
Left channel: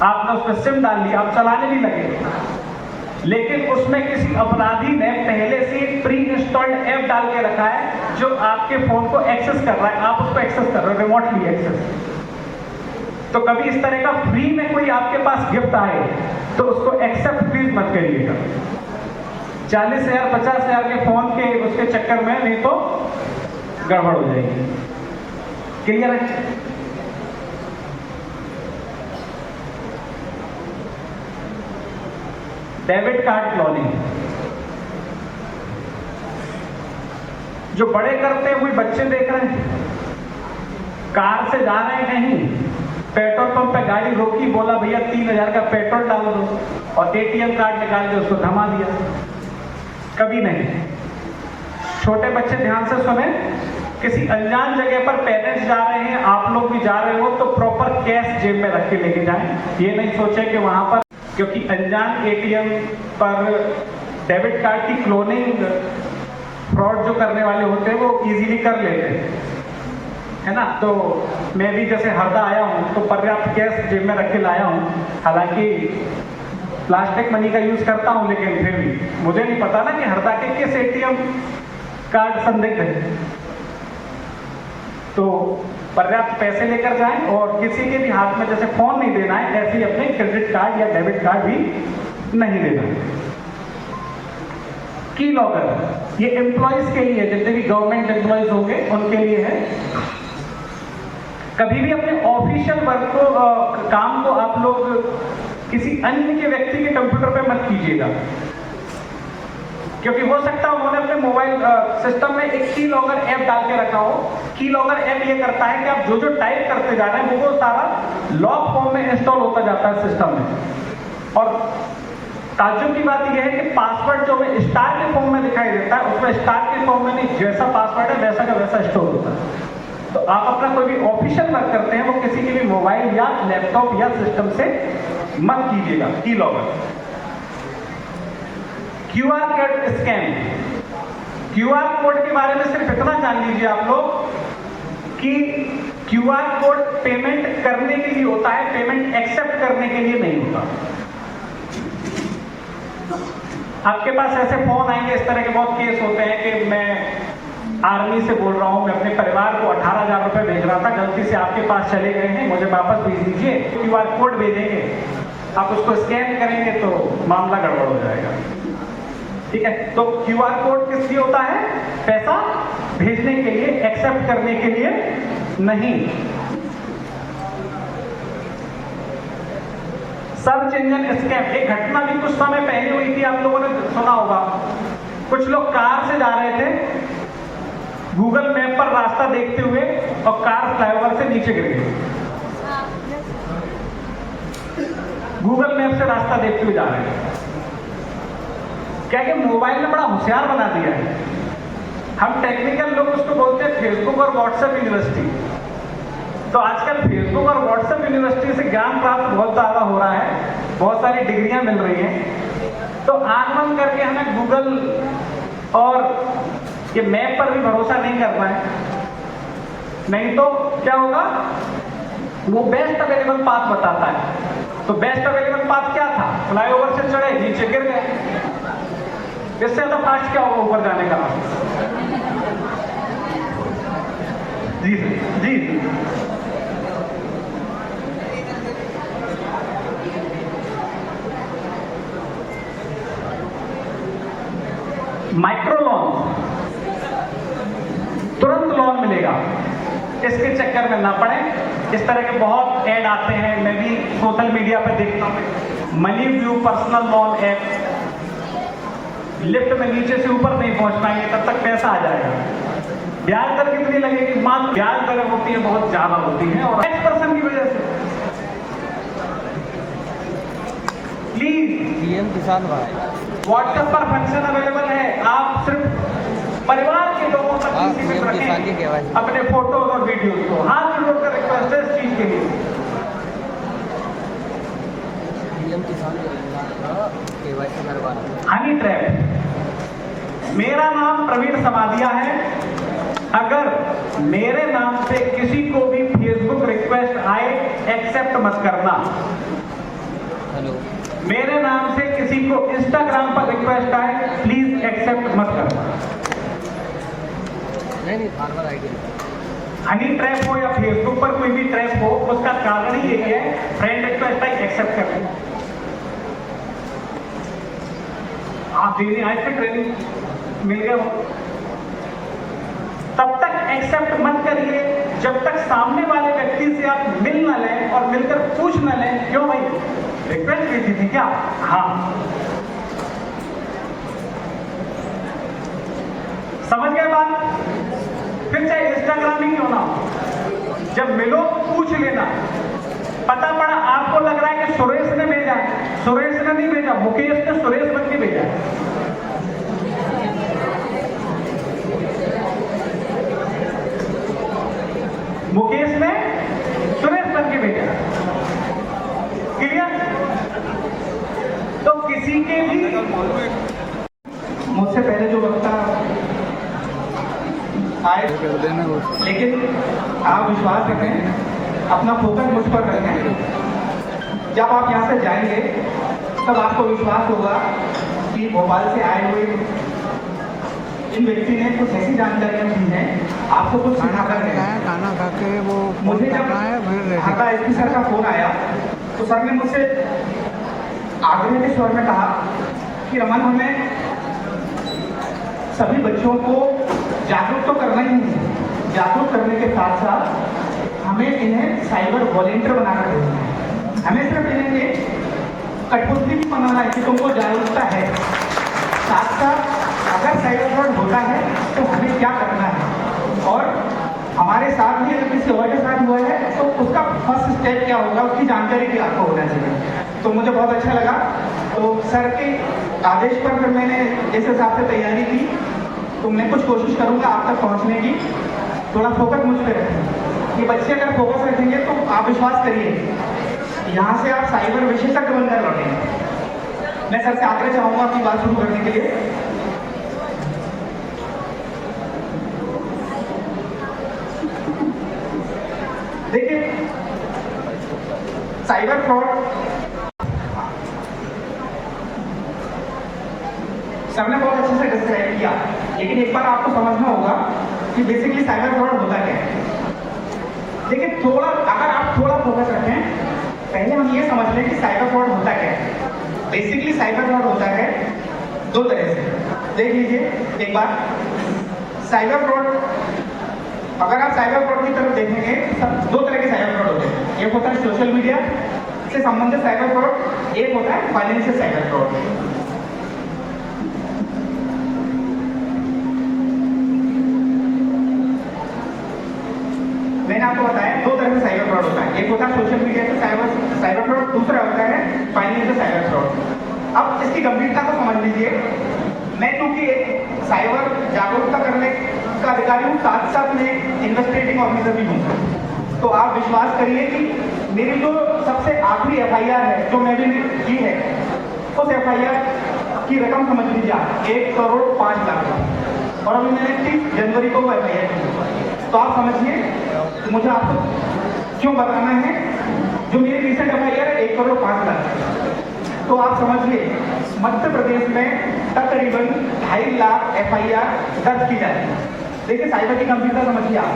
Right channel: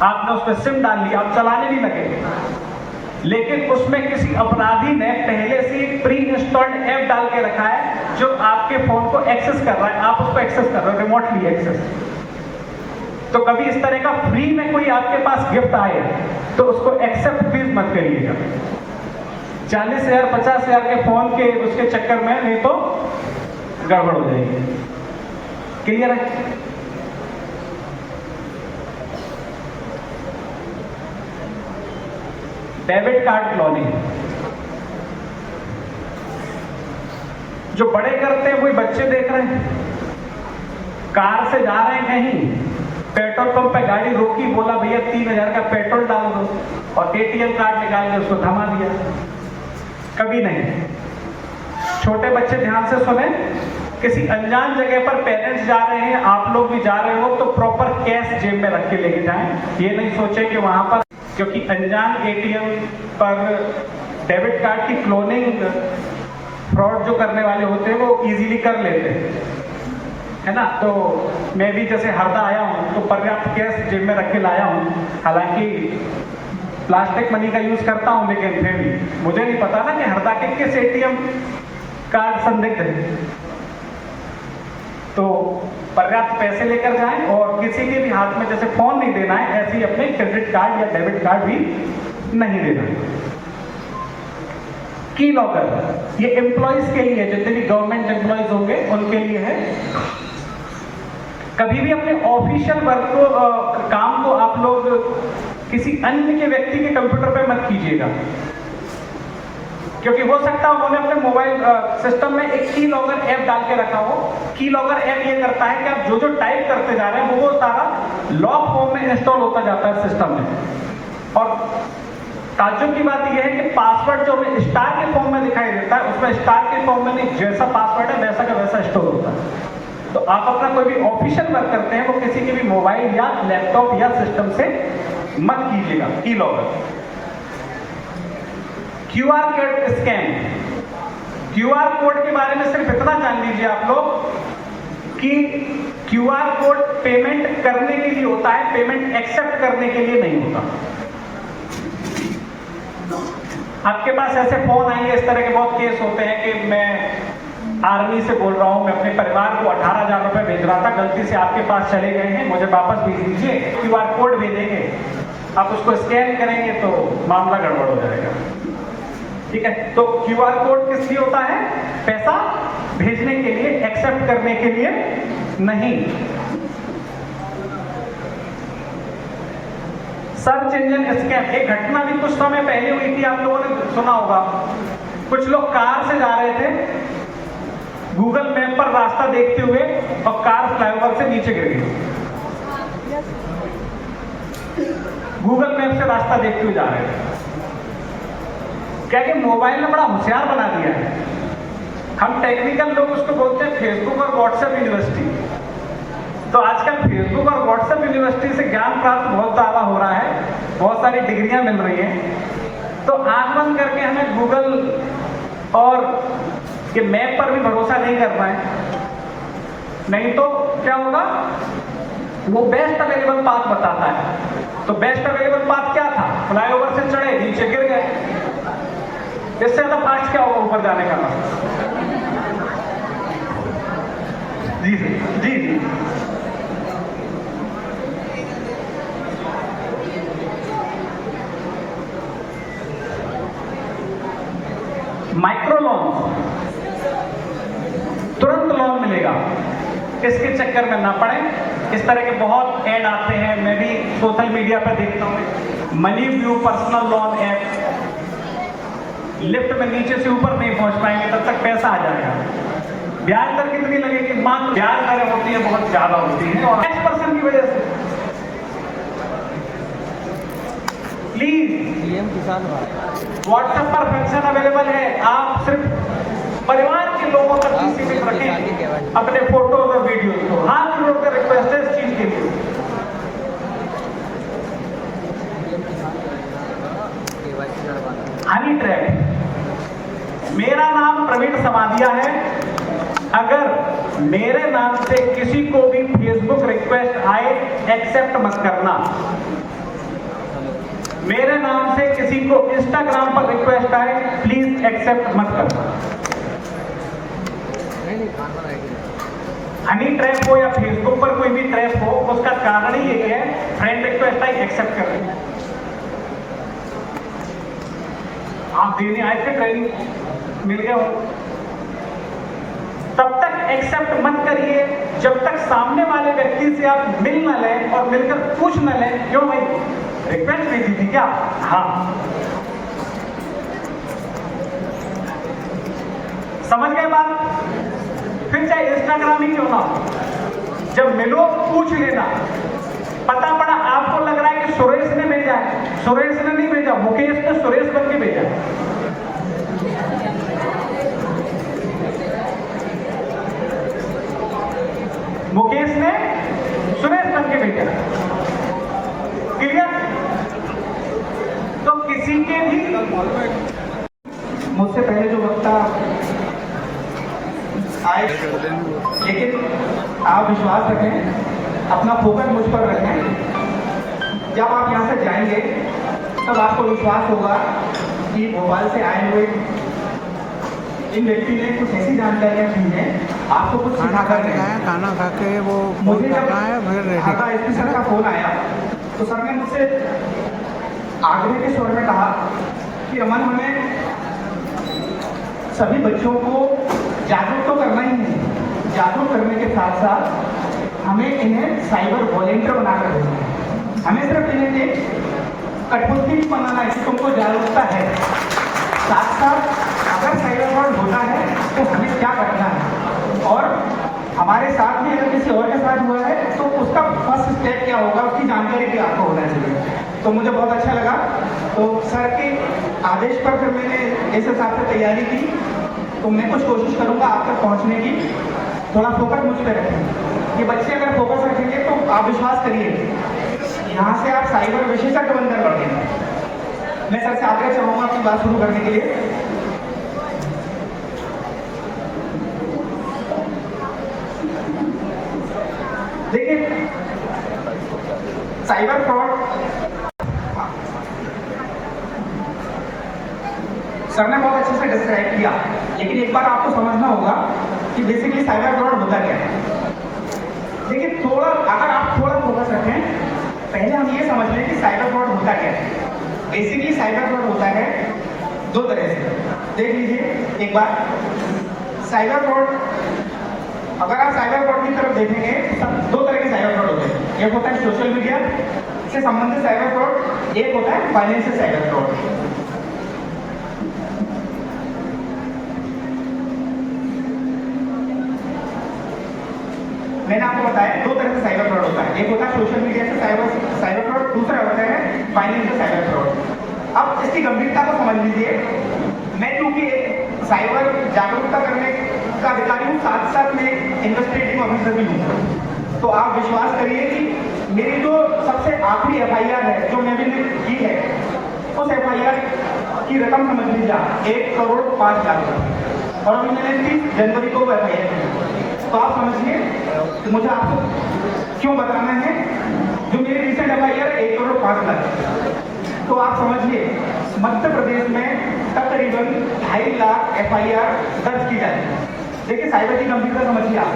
आपने उसमें सिम डाल लिया, आप चलाने भी लगेंगे, लेकिन उसमें किसी अपराधी ने पहले से प्री इंस्टॉल्ड ऐप डाल के रखा है जो आपके फोन को एक्सेस कर रहा है, आप उसको एक्सेस कर रहे हो, रिमोटली एक्सेस। तो कभी इस तरह का फ्री में कोई आपके पास गिफ्ट आए तो उसको एक्सेप्ट प्लीज मत करिएगा। 40,000 50,000 के फोन के उसके चक्कर में, नहीं तो गड़बड़ हो जाएगी। क्लियर है? डेबिट कार्ड क्लोनिंग जो बड़े करते हैं वही बच्चे देख रहे हैं। कार से जा रहे हैं कहीं, पेट्रोल पंप पे गाड़ी रोकी, बोला भैया 3,000 का पेट्रोल डाल दो, और एटीएम कार्ड निकाल के उसको थमा दिया। कभी नहीं। छोटे बच्चे ध्यान से सुने, किसी अनजान जगह पर पेरेंट्स जा रहे हैं, आप लोग भी जा रहे हो, तो प्रॉपर कैश जेब में रख के लेके जाएं। ये नहीं सोचे कि वहां पर, क्योंकि अनजान एटीएम पर डेबिट कार्ड की क्लोनिंग फ्रॉड जो करने वाले होते हैं वो इजीली कर लेते हैं, है ना। तो मैं भी जैसे हरदा आया हूँ तो पर्याप्त कैश जेब में रख के लाया हूँ, हालांकि प्लास्टिक मनी का यूज करता हूँ, लेकिन फिर भी मुझे नहीं पता ना कि हरदा के किस एटीएम कार्ड संदिग्ध है। तो पर्याप्त पैसे लेकर जाएं, और किसी के भी हाथ में जैसे फोन नहीं देना है, ऐसे ही अपने क्रेडिट कार्ड या डेबिट कार्ड भी नहीं देना। की लॉकर ये एम्प्लॉइज के लिए, जितने भी गवर्नमेंट एम्प्लॉइज होंगे उनके लिए है। कभी भी अपने ऑफिशियल वर्क को, काम को आप लोग किसी अन्य के व्यक्ति के कंप्यूटर पे मत कीजिएगा, क्योंकि हो सकता है उन्होंने अपने मोबाइल सिस्टम में एक की लॉगर ऐप डाल के रखा हो। की लॉगर ऐप ये करता है कि आप जो जो टाइप करते जा रहे हैं वो सारा लॉग फॉर्म में इंस्टॉल होता जाता है सिस्टम में। और ताज्जुब की बात यह है कि पासवर्ड जो हमें स्टार के फॉर्म में दिखाई देता है, उसमें स्टार के फॉर्म में नहीं, जैसा पासवर्ड है वैसा का वैसा स्टोर होता है। तो आप अपना कोई भी ऑफिशियल वर्क करते हैं वो किसी के भी मोबाइल या लैपटॉप या सिस्टम से मत कीजिएगा। की logger, QR code scan, QR code के बारे में सिर्फ इतना जान लीजिए आप लोग कि क्यूआर कोड पेमेंट करने के लिए होता है, पेमेंट एक्सेप्ट करने के लिए नहीं होता। आपके पास ऐसे फोन आएंगे, इस तरह के बहुत केस होते हैं कि मैं आर्मी से बोल रहा हूं, मैं अपने परिवार को 18,000 रुपए भेज रहा था, गलती से आपके पास चले गए हैं, मुझे वापस भेज दीजिए। क्यूआर कोड भेजेंगे, आप उसको स्कैन करेंगे तो मामला गड़बड़ हो जाएगा। ठीक है, तो क्यूआर कोड किस लिए होता है? पैसा भेजने के लिए, एक्सेप्ट करने के लिए नहीं। सर्च इंजन स्कैम, एक घटना भी कुछ समय पहले हुई थी, आप लोगों ने सुना होगा। कुछ लोग कार से जा रहे थे, गूगल मैप पर रास्ता देखते हुए, और कार फ्लाईओवर से नीचे गिर गई। गूगल मैप से रास्ता देखते हुए जा रहे थे। क्या कि मोबाइल ने बड़ा होशियार बना दिया है। हम टेक्निकल लोग उसको बोलते हैं फेसबुक और व्हाट्सएप यूनिवर्सिटी। तो आजकल फेसबुक और व्हाट्सएप यूनिवर्सिटी से ज्ञान प्राप्त बहुत ज्यादा हो रहा है, बहुत सारी डिग्रियां मिल रही हैं। तो आंख बंद करके हमें गूगल और ये मैप पर भी भरोसा नहीं करना है, नहीं तो क्या होगा, वो बेस्ट अवेलेबल पाथ बताता है। तो बेस्ट अवेलेबल पाथ क्या था? फ्लाईओवर से चढ़े, नीचे गिर गए। इससे ज्यादा फास्ट क्या होगा ऊपर जाने का? जी जी, माइक्रो लोन, तुरंत लोन इस तरह के बहुत ऐड आते हैं, मैं भी सोशल मीडिया पे देखता हूँ। Money view personal loan app, lift में नीचे से ऊपर नहीं पहुंच पाएंगे तब तक पैसा आ जाएगा। ब्याज दर कितनी लगेगी? मात्र ब्याज दर होती है बहुत ज्यादा होती है और X% की वजह से। प्लीज पीएम किसान व्हाट्सएप पर फंक्शन अवेलेबल है, आप सिर्फ परिवार के लोगों तक ही सीमित रखें अपने फोटो और वीडियो को। हाथ जोड़कर रिक्वेस्ट है इस चीज के लिए। हनी ट्रैप, मेरा नाम प्रवीण समाधिया है। अगर मेरे नाम से किसी को भी फेसबुक रिक्वेस्ट आए, एक्सेप्ट मत करना। मेरे नाम से किसी को इंस्टाग्राम पर रिक्वेस्ट आए, प्लीज एक्सेप्ट मत करना। हनी ट्रैप हो या फेसबुक पर कोई भी ट्रैप हो, उसका कारण ही यही है, फ्रेंड रिक्वेस्ट आई एक्सेप्ट कर लें। आप देने आए थे, ट्रेनिंग मिल गया हो, तब तक एक्सेप्ट मत करिए जब तक सामने वाले व्यक्ति से आप मिल न लें और मिलकर पूछ न लें, क्यों भाई रिक्वेस्ट भेजी थी क्या? हाँ, समझ गए बात? फिर चाहे इंस्टाग्राम ही क्यों ना, जब मिलो पूछ लेना। पता पड़ा आपको लग रहा है कि सुरेश ने भेजा है, सुरेश ने नहीं भेजा, मुकेश ने सुरेश बन के भेजा है। मुकेश ने सुरेश बन के भेजा। क्लियर? तो किसी के भी, मुझसे पहले जो वक्ता आए, लेकिन आप विश्वास रखें, अपना फोकस मुझ पर रखें। जब आप यहाँ से जाएंगे तब आपको विश्वास होगा कि भोपाल से आए हुए इन व्यक्ति ने कुछ ऐसी जानकारियां दी हैं, आपको कुछ खाना खाने का है, खाना खा के वो फोन करना है, फिर रेडी एसपी सर का फोन आया तो सर ने मुझसे आग्रह के स्वर में कहा कि रमन, हमें सभी बच्चों को जागरूक तो करना ही है, जागरूक करने के साथ साथ हमें इन्हें साइबर वॉलेंटियर बनाकर देना है। हमें सिर्फ इन्हें ये कठपुतली नहीं बनाना है कि तुमको जागरूकता है, साथ साथ अगर साइबर फ्रॉड होता है तो हमें क्या करना है, और हमारे साथ भी अगर किसी और के साथ हुआ है तो उसका फर्स्ट स्टेप क्या होगा, उसकी जानकारी भी आपको होना चाहिए। तो मुझे बहुत अच्छा लगा। तो सर के आदेश पर फिर मैंने इस हिसाब से तैयारी की, तो मैं कुछ कोशिश करूंगा आप तक पहुंचने की। थोड़ा फोकस मुझ पर रखें, ये बच्चे अगर फोकस रखेंगे तो आप विश्वास करिए यहाँ से आप साइबर विशेषज्ञ बनकर लौटेंगे। मैं सर से आग्रह चाहूंगा अपनी बात शुरू करने के लिए। देखिए, साइबर फ्रॉड सर ने बहुत अच्छे से डिस्क्राइब किया, लेकिन एक बार आपको समझना होगा कि बेसिकली साइबर फ्रॉड होता क्या है। देखिए, अगर आप थोड़ा फोकस रखें, पहले हम ये समझ लें कि साइबर फ्रॉड होता क्या है। बेसिकली साइबर फ्रॉड होता है दो तरह से। देख लीजिए एक बार, साइबर फ्रॉड, अगर आप साइबर फ्रॉड की तरफ देखेंगे तब दो तरह के साइबर फ्रॉड होते हैं। एक होता है सोशल मीडिया से संबंधित साइबर फ्रॉड, एक होता है फाइनेंशियल साइबर फ्रॉड। मैंने आपको बताया दो तरह से साइबर फ्रॉड होता है, एक होता है सोशल मीडिया से साइबर फ्रॉड, दूसरा होता है फाइनेंशियल साइबर फ्रॉड। अब इसकी गंभीरता को समझ लीजिए। मैं क्योंकि एक साइबर जागरूकता करने का अधिकारी हूँ, साथ साथ में इन्वेस्टिगेटिंग ऑफिसर भी हूँ। तो आप विश्वास करिए कि मेरी जो सबसे आखिरी FIR है जो मैंने की है, उस FIR की रकम समझ लीजिए आप 1,05,00,000, और अभी मैंने 30 जनवरी को FIR की। तो आप समझिए तो मुझे आपको क्यों बताना है, जो मेरी रिसेंट FIR है 1,05,00,000। तो आप समझिए मध्य प्रदेश में तकरीबन 2.5 लाख FIR दर्ज की जाती है। देखिए साइबर की गंभीरता समझिए आप,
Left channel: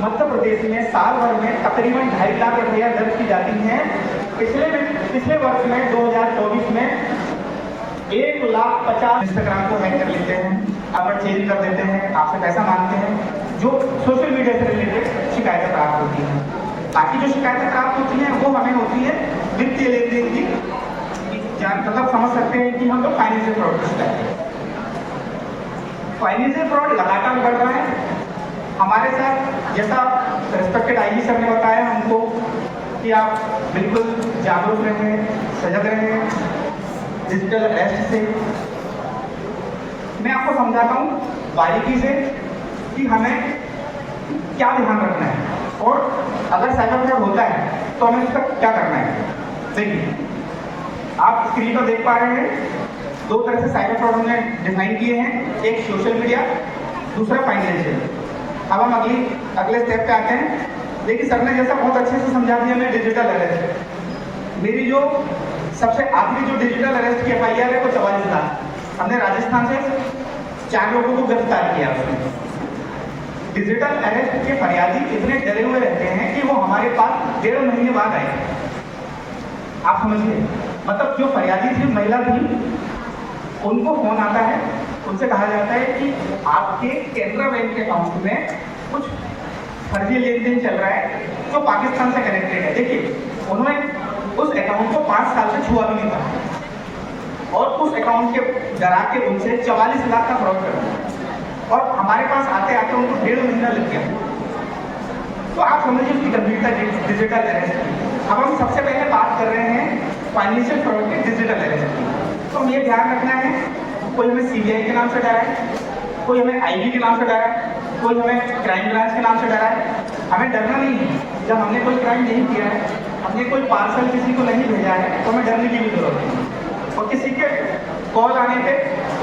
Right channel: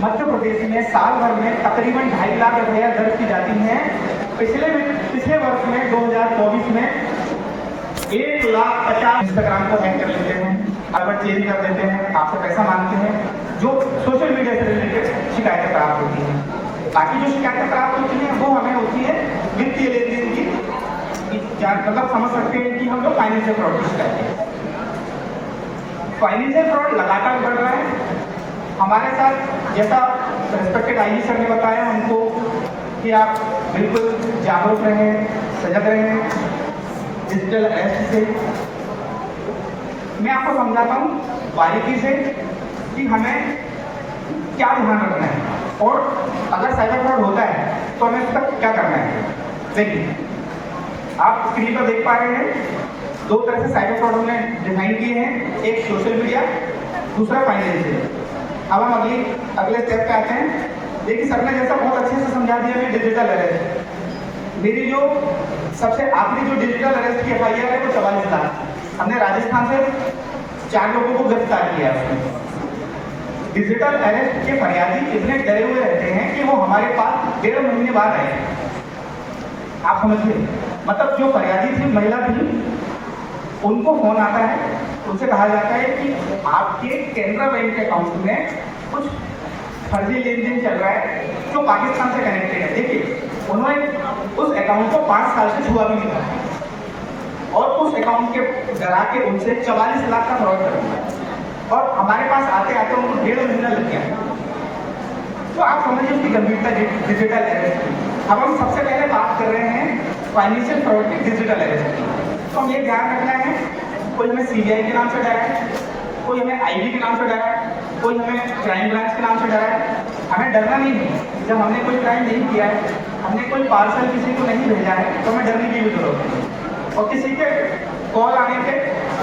मध्य प्रदेश में साल भर में तकरीबन 2.5 लाख FIR दर्ज की जाती हैं। पिछले वर्ष में 2024 में 1,50,000 इंस्टाग्राम को हैक कर लेते हैं, अगर चेंज कर देते हैं, आपसे पैसा मांगते हैं, जो सोशल मीडिया से रिलेटेड शिकायतें प्राप्त होती हैं। बाकी जो शिकायतें प्राप्त होती हैं वो हमें होती है वित्तीय लेन देन की, मतलब समझ सकते हैं कि हम लोग फाइनेंशियल फ्रॉड की शिकायत हैं। फाइनेंशियल फ्रॉड लगातार बढ़ रहा है हमारे साथ। जैसा रेस्पेक्टेड आईजी सर ने बताया हमको कि आप बिल्कुल जागरूक रहें, सजग रहें डिजिटल अरेस्ट से। मैं आपको समझाता हूँ बारीकी से कि हमें क्या ध्यान रखना है और अगर साइबर फ्रॉड होता है तो हमें उसका क्या करना है। देखिए, आप स्क्रीन पर देख पा रहे हैं दो तरह से साइबर फ्रॉड हमने डिफाइन किए हैं, एक सोशल मीडिया, दूसरा फाइनेंशियल। अब हम अगले स्टेप पे आते हैं। देखिए, सर ने जैसा बहुत अच्छे से समझा दिया हमें डिजिटल अरेस्ट। मेरी जो सबसे आखिरी जो डिजिटल अरेस्ट की FIR है वो 44 था। हमने राजस्थान से 4 लोगों को गिरफ्तार किया उसमें। डिजिटल अरेस्ट के फरियादी इतने डरे हुए रहते हैं कि वो हमारे पास 1.5 महीने बाद आए। आप समझिए, मतलब जो फरियादी थी, महिला थी, उनको फोन आता है, उनसे कहा जाता है कि आपके कैनरा बैंक के अकाउंट में कुछ फर्जी लेन देन चल रहा है जो पाकिस्तान से कनेक्टेड है। देखिए, उन्होंने उस अकाउंट को 5 साल से छुआ भी नहीं था और उस अकाउंट के डरा के उनसे 44 लाख का फ्रॉड कर और हमारे पास आते आते उनको 1.5 महीना लग गया। तो आप समझिए उसकी गंभीरता डिजिटल अरेस्ट की। अब हम सबसे पहले बात कर रहे हैं फाइनेंशियल फ्रॉड के डिजिटल अरेस्ट की। तो हमें ये ध्यान रखना है, कोई हमें CBI के नाम से डरा है, कोई हमें IB के नाम से डरा है, कोई हमें क्राइम ब्रांच के नाम से डरा है। हमें डरना नहीं है। जब हमने कोई क्राइम नहीं किया है, हमने कोई पार्सल किसी को नहीं भेजा है, तो हमें डरने की भी जरूरत नहीं। और किसी के कॉल आने पे,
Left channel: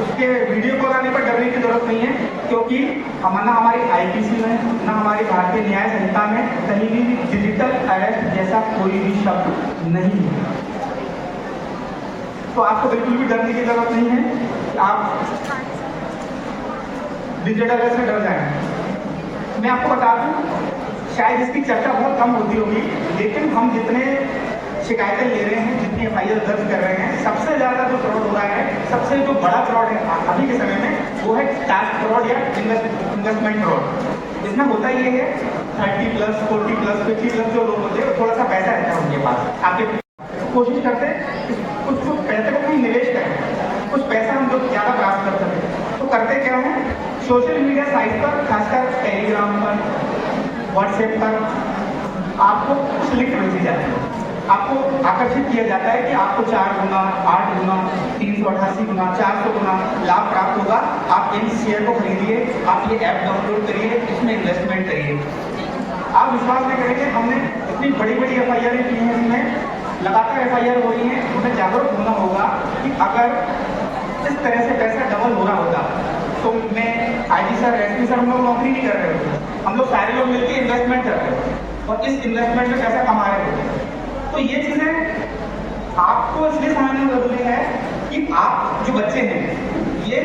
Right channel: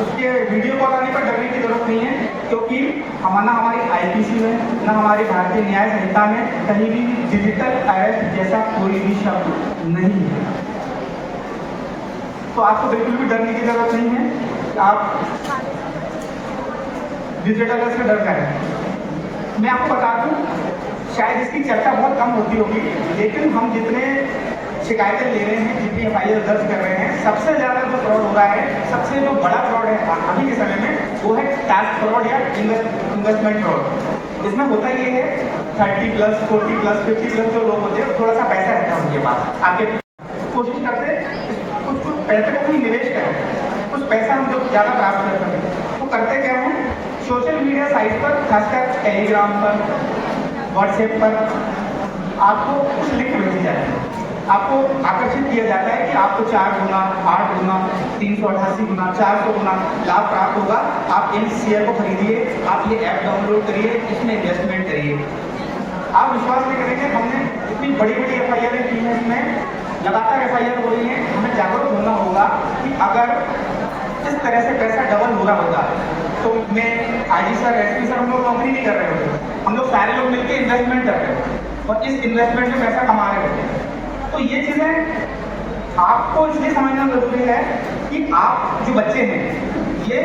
उसके वीडियो कॉल आने पर डरने की जरूरत नहीं है, क्योंकि ना हमारी IPC में, ना हमारी भारतीय न्याय संहिता में कहीं भी डिजिटल अरेस्ट जैसा कोई भी शब्द नहीं है। तो आपको बिल्कुल भी डरने की जरूरत नहीं है। आप डिजिटल अरेस्ट में डर जाए। मैं आपको बता दूं, शायद इसकी चर्चा बहुत कम होती होगी, लेकिन हम जितने शिकायतें ले रहे हैं, जितनी FIR दर्ज कर रहे हैं, सबसे ज़्यादा जो फ्रॉड हो रहा है, सबसे जो बड़ा फ्रॉड है अभी के समय में, वो है टैक्स फ्रॉड या इन्वेस्टमेंट फ्रॉड। इसमें होता ये है 30+, 40+, 50+ जो लोग होते हैं, थोड़ा सा पैसा रहता है उनके पास, आपके कोशिश करते हैं कुछ पैसे का भी निवेश करें, कुछ पैसा हम जो ज़्यादा प्राप्त कर सकें। तो करते क्या है, सोशल मीडिया साइट पर, खासकर टेलीग्राम पर, व्हाट्सएप पर आपको कुछ लिंक भेजी जाती है। आपको आकर्षित किया जाता है कि आपको 4 गुना, 8 गुना, 388 गुना, 400 गुना लाभ प्राप्त होगा। आप इन शेयर को खरीदिए, आप ये ऐप डाउनलोड करिए, इसमें इन्वेस्टमेंट करिए। आप विश्वास नहीं करेंगे, हमने इतनी बड़ी बड़ी FIR की है, इसमें लगातार FIR हो रही है। हमें जागरूक होना होगा कि अगर इस तरह से पैसा डबल हो रहा होगा तो मैं IG सर, SP सर, हम लोग नौकरी नहीं कर रहे होते, हम लोग सारे लोग मिलकर इन्वेस्टमेंट कर रहे होते और इस इन्वेस्टमेंट में पैसा कमा रहे होते। तो ये चीज़ें आपको इसलिए समझना जरूरी है कि आप जो बच्चे हैं, ये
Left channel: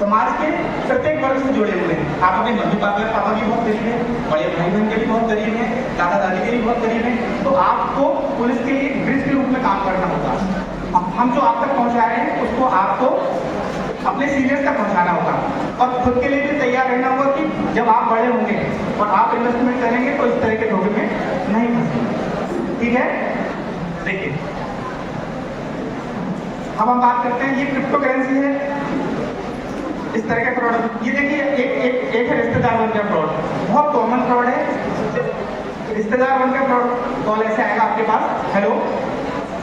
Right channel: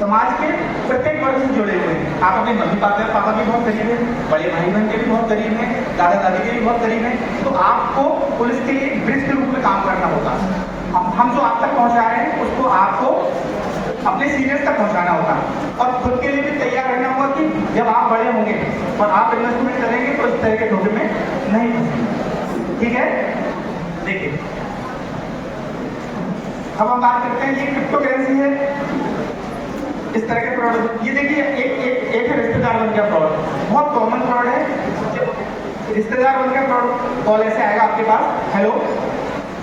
समाज के प्रत्येक वर्ग से जुड़े हुए हैं। आप अपने मम्मी पापा भी बहुत गरीब हैं, बड़े भाई बहन के भी बहुत गरीब हैं, दादा दादी के भी बहुत गरीब हैं। तो आपको पुलिस के लिए एक ब्रिज के रूप में काम करना होगा। हम जो आप तक पहुंचा रहे हैं, उसको आपको अपने सीनियर्स तक पहुंचाना होगा और खुद के लिए भी तैयार रहना होगा कि जब आप बड़े होंगे और आप इन्वेस्टमेंट करेंगे तो इस तरह के धोखे में नहीं फंसेंगे। ठीक है, देखिए, अब हम बात करते हैं, ये क्रिप्टो करेंसी है, इस तरह का फ्रॉड। ये देखिए, एक रिश्तेदार बन गया फ्रॉड, बहुत कॉमन फ्रॉड है। रिश्तेदार बन गया फ्रॉड, कॉल ऐसे आएगा आपके पास, हेलो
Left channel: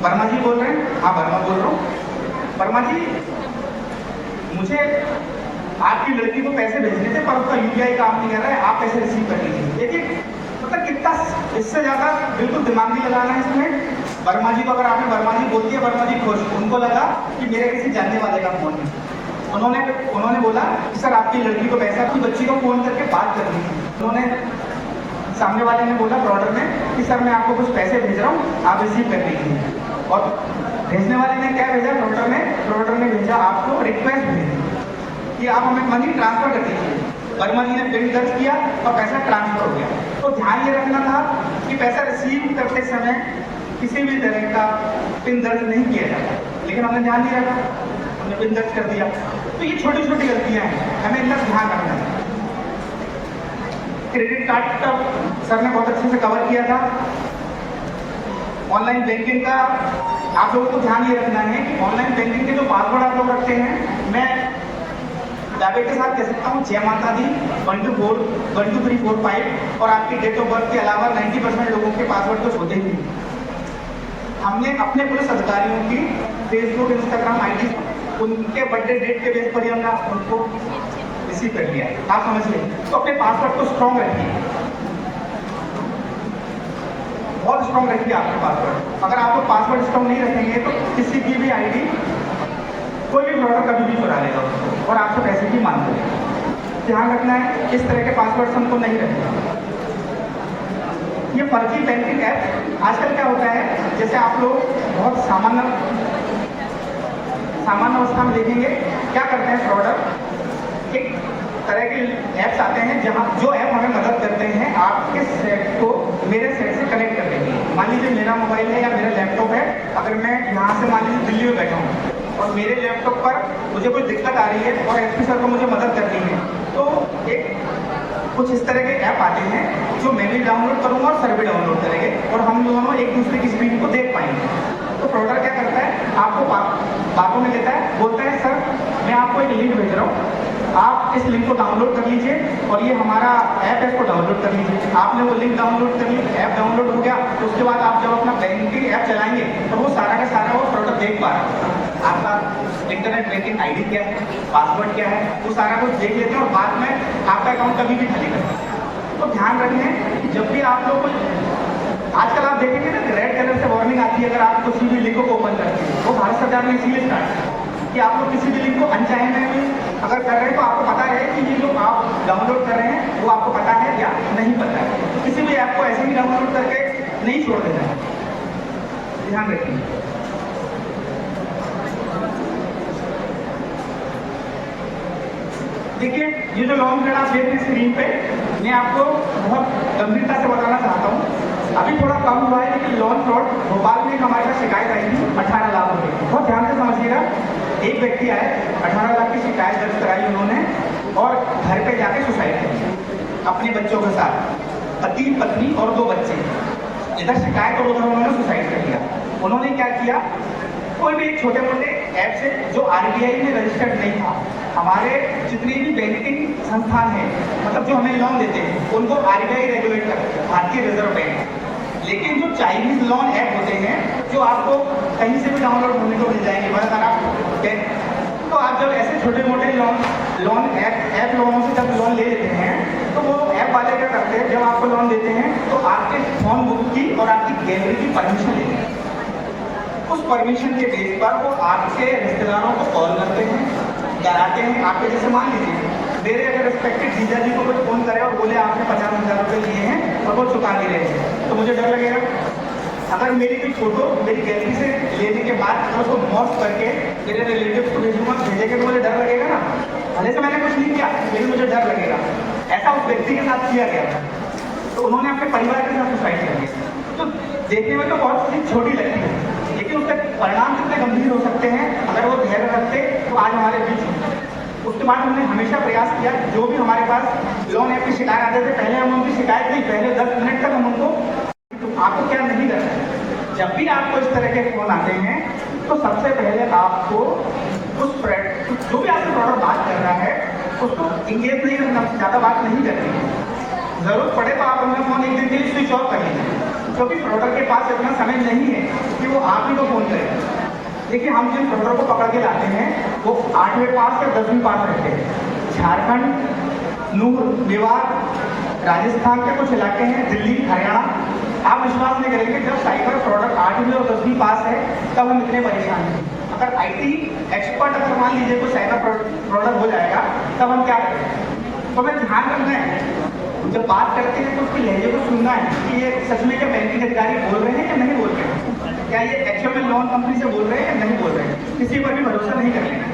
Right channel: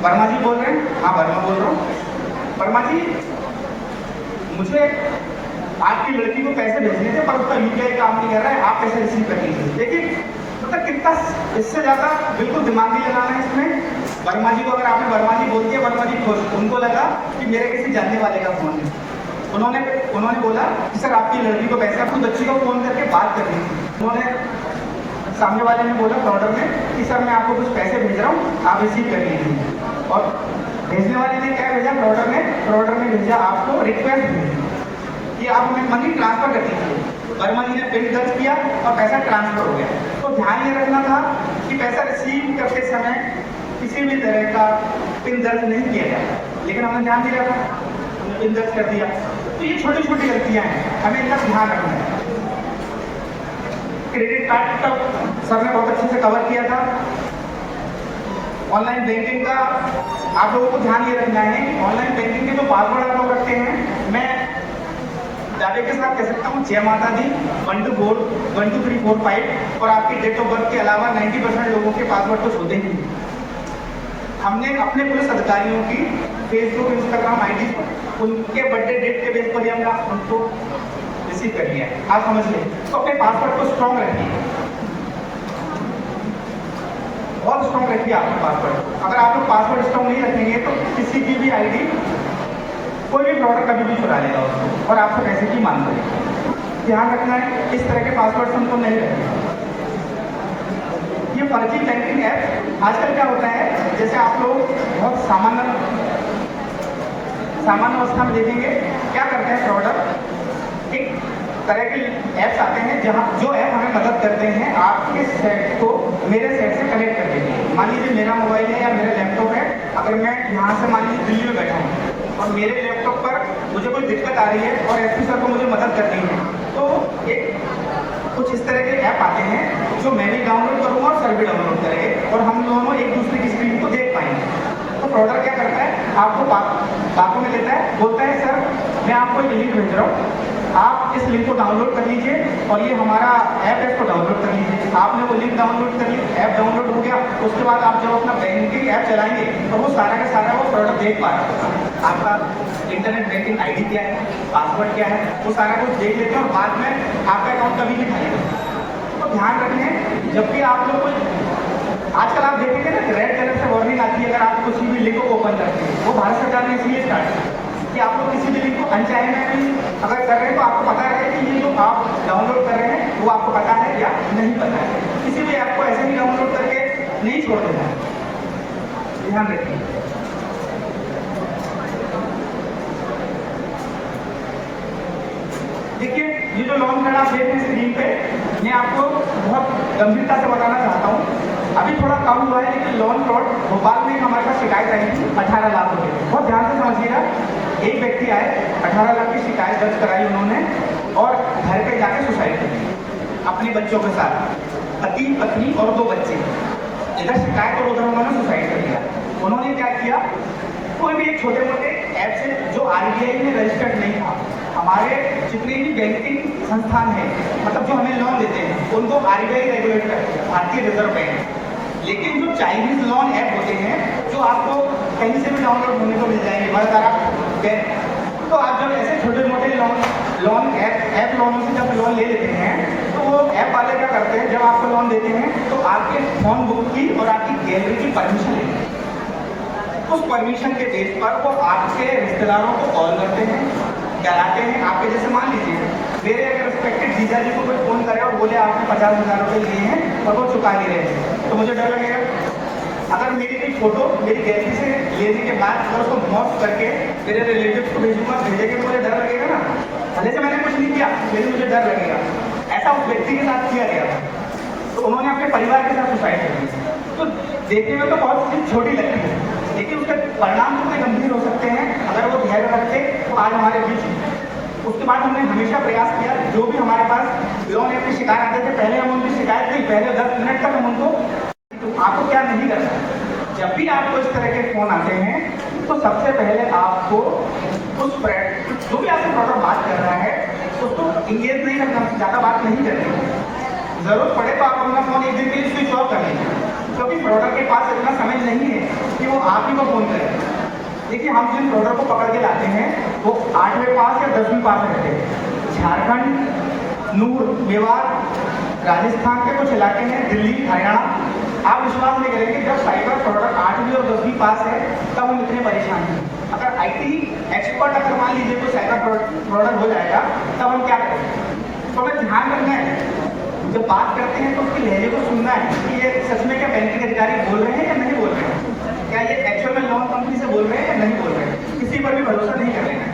वर्मा जी बोल रहे हैं? हाँ वर्मा बोल रहा हूँ। वर्मा जी, मुझे आपकी लड़की को पैसे भेजने थे पर उसका UPI काम नहीं कर रहा है, आप पैसे रिसीव कर लीजिए। देखिए, मतलब कितना इससे ज़्यादा बिल्कुल दिमाग नहीं लगाना है इसमें। वर्मा जी को अगर आपने वर्मा जी बोल दिया, वर्मा जी खुश, उनको लगा कि मेरे किसी जानने वाले का फोन है। उन्होंने बोला कि सर आपकी लड़की को पैसे, अपनी बच्ची को फोन करके बात करनी थी। उन्होंने, सामने वाले ने बोला फ्रॉडर ने कि सर मैं आपको कुछ पैसे भेज रहा हूँ, आप रिसीव कर लीजिए। और भेजने वाले ने क्या भेजा, फ्रॉडर ने भेजा आपको रिक्वेस्ट भेजी कि आप हमें मनी ट्रांसफर कर दीजिए। वर्मा जी ने पिन दर्ज किया और पैसा ट्रांसफर हो गया। तो ध्यान ये रखना था कि पैसा रिसीव करते समय किसी भी तरह का पिन दर्ज नहीं किया जाए, लेकिन हमने ध्यान नहीं रखा, हमने पिन दर्ज कर दिया। तो ये छोटी छोटी गलतियां हैं, हमें इनका ध्यान रखना है। क्रेडिट कार्ड का सर ने बहुत अच्छी अच्छे से कवर किया था। ऑनलाइन बैंकिंग का आप लोगों को ध्यान ये रखना है कि ऑनलाइन बैंकिंग के जो पासवर्ड आप लोग रखते हैं, मैं दावे के साथ कह सकता हूँ जय माता दी 1 2 4 1 2 3 4 5 और आपकी डेट ऑफ बर्थ के अलावा 90% लोगों के पासवर्ड तो होते ही नहीं। हमने अपने पुलिस अधिकारियों की फेसबुक इंस्टाग्राम आईडी उनके बर्थडे डेट के बेस पर ही हमने उनको रिसीव कर लिया है। आप समझ लें, तो अपने पासवर्ड को स्ट्रॉन्ग रखिए, बहुत स्ट्रॉन्ग रखिए आपका पासवर्ड। अगर आप लोग पासवर्ड स्ट्रॉन्ग नहीं रखेंगे तो किसी की भी आईडी कोई भी फ्रॉडर कभी भी चुरा लेगा उसको और आपसे पैसे की मांग करेगा। ध्यान रखना है इस तरह के पासवर्ड हमको नहीं रखना। ये फर्जी बैंकिंग ऐप आजकल क्या होता है, जैसे आप लोग बहुत सामान्य अवस्था में देखेंगे क्या करते हैं फ्रॉडर, एक तरह के ऐप्स आते हैं जहां जो ऐप हमें मदद करते हैं आपके सेट को मेरे सेट से कनेक्ट करने के लिए। मान लीजिए मेरा मोबाइल है या मेरा लैपटॉप है, अगर मैं यहाँ से मान लीजिए दिल्ली में बैठा हूँ और मेरे लैपटॉप पर मुझे कोई दिक्कत आ रही है और एसपी सर को मुझे मदद करनी है, तो एक कुछ इस तरह के ऐप आते हैं जो मैं भी डाउनलोड करूँगा और सर भी डाउनलोड करेंगे और हम दोनों एक दूसरे की स्क्रीन को देख पाएंगे। तो फ्रॉडर क्या करता है, आपको बातों में लेता है, बोलता है सर मैं आपको एक लिंक भेज रहा हूँ, आप इस लिंक को डाउनलोड कर लीजिए और ये हमारा ऐप है, इसको डाउनलोड कर लीजिए। आपने वो लिंक डाउनलोड कर ली, ऐप डाउनलोड हो गया, उसके बाद आप जब अपना बैंकिंग ऐप चलाएंगे तो वो सारा का सारा वो प्रोडक्ट देख पा रहे हैं। आपका इंटरनेट बैंकिंग आईडी क्या है, पासवर्ड क्या है, वो सारा कुछ देख लेते हैं और बाद में आपका अकाउंट कभी भी खाली करते हैं। तो ध्यान रखें, जब भी आप लोग आजकल आप देखेंगे ना रेड कलर से वार्निंग आती है अगर आप किसी भी लिंक को ओपन करते हैं, वो भारत सरकार ने इसीलिए स्टार्ट किया कि आप लोग किसी भी लिंक को अनचाहे में भी अगर कर रहे हैं तो आपको पता रहे कि ये जो आप डाउनलोड कर रहे हैं वो आपको पता है या नहीं पता है। किसी भी ऐप को ऐसे ही डाउनलोड करके नहीं छोड़ देना है, ध्यान रखिए। देखिए ये जो लॉन्ग हेड आप देख रहे हैं स्क्रीन पे, मैं आपको बहुत गंभीरता से बताना चाहता हूँ। अभी थोड़ा कम हुआ है लेकिन लोन फ्रॉड भोपाल में हमारे पास शिकायत आई थी 18 लाख रुपए। बहुत ध्यान से समझिएगा, एक व्यक्ति आए 18 लाख की शिकायत दर्ज कराई उन्होंने और घर पे जाके सुसाइड कर दी अपने बच्चों के साथ, पति पत्नी और 2 बच्चे। इधर शिकायत और उधर उन्होंने सुसाइड कर लिया। उन्होंने क्या किया, कोई भी एक छोटे मोटे ऐप से जो RBI में रजिस्टर्ड नहीं था, हमारे जितने भी बैंकिंग संस्थान हैं मतलब जो हमें लोन देते हैं उनको RBI रेगुलेट करते हैं, भारतीय रिजर्व बैंक। लेकिन जो चाइनीज लोन ऐप होते हैं जो आपको कहीं से भी डाउनलोड होने को मिल जाएंगे, बहुत सारा, तो आप जब ऐसे छोटे मोटे लोन ऐप लोगों से जब लोन ले लेते हैं तो वो ऐप वाले क्या करते हैं, जब आपको लोन देते हैं तो आपके फोन बुक की और आपकी गैलरी की परमिशन लेते हैं। उस परमिशन के बेस पर वो आपके रिश्तेदारों को कॉल करते हैं, डराते हैं। आपके जैसे मान लीजिए मेरे अगर रिस्पेक्टेड जीजा जी को कोई फोन करे और बोले आपने 50,000 रुपये लिए हैं और वो चुका नहीं रहे हैं, तो मुझे डर लगेगा। अगर मेरी कोई फोटो मेरी गैलरी से लेने के बाद अगर उसको मॉर्फ करके मेरे रिलेटिव्स को भेजूंगा, भेजेंगे, मुझे डर लगेगा ना। भले से मैंने कुछ नहीं किया लेकिन मुझे डर लगेगा। ऐसा उस व्यक्ति के साथ किया गया था, तो उन्होंने अपने परिवार के साथ सुसाइड कर दिया। तो देखने में तो बहुत चीज छोटी लगती है लेकिन उसके परिणाम कितने गंभीर हो सकते हैं अगर वो धैर्य रखते तो आज हमारे बीच। उसके बाद हमने हमेशा प्रयास किया, जो भी हमारे पास लोन ऐप की शिकायत आते थे पहले हम उनकी शिकायत नहीं, पहले 10 मिनट तक हम उनको, तो आपको क्या नहीं करना, जब भी आपको इस तरह के फोन आते हैं तो सबसे पहले आपको उस जो भी आपसे प्रोडक्ट बात कर रहा है उसको इंगेज नहीं रखना, ज़्यादा बात नहीं करनी। जरूरत पड़े तो आप अपना फोन एक दिन के लिए स्विच ऑफ कर लीजिए, क्योंकि प्रोडक्ट के पास इतना समय नहीं है कि वो आप ही को फोन करे। देखिए हम जिन प्रोडक्ट को पकड़ के लाते हैं वो 8वें पास या 10वीं पास रहते हैं। झारखंड, नूर, मेवात, राजस्थान के कुछ इलाके हैं, दिल्ली, हरियाणा, आप विश्वास नहीं करेंगे जब साइबर प्रोडक्ट 8वीं और 10वीं पास है तब हम इतने परेशान हैं। अगर IT एक्सपर्ट अगर मान लीजिए कोई साइबर प्रोडक्ट हो जाएगा तब हम क्या करें। तो हमें ध्यान रखना है, जब बात करते हैं तो उसकी लहजे को सुनना है कि ये सच में क्या बैंकिंग अधिकारी बोल रहे हैं या नहीं बोल रहे हैं, क्या ये एक्चुअल में लोन कंपनी से बोल रहे हैं या नहीं बोल रहे हैं। किसी पर भी भरोसा नहीं कर लेना।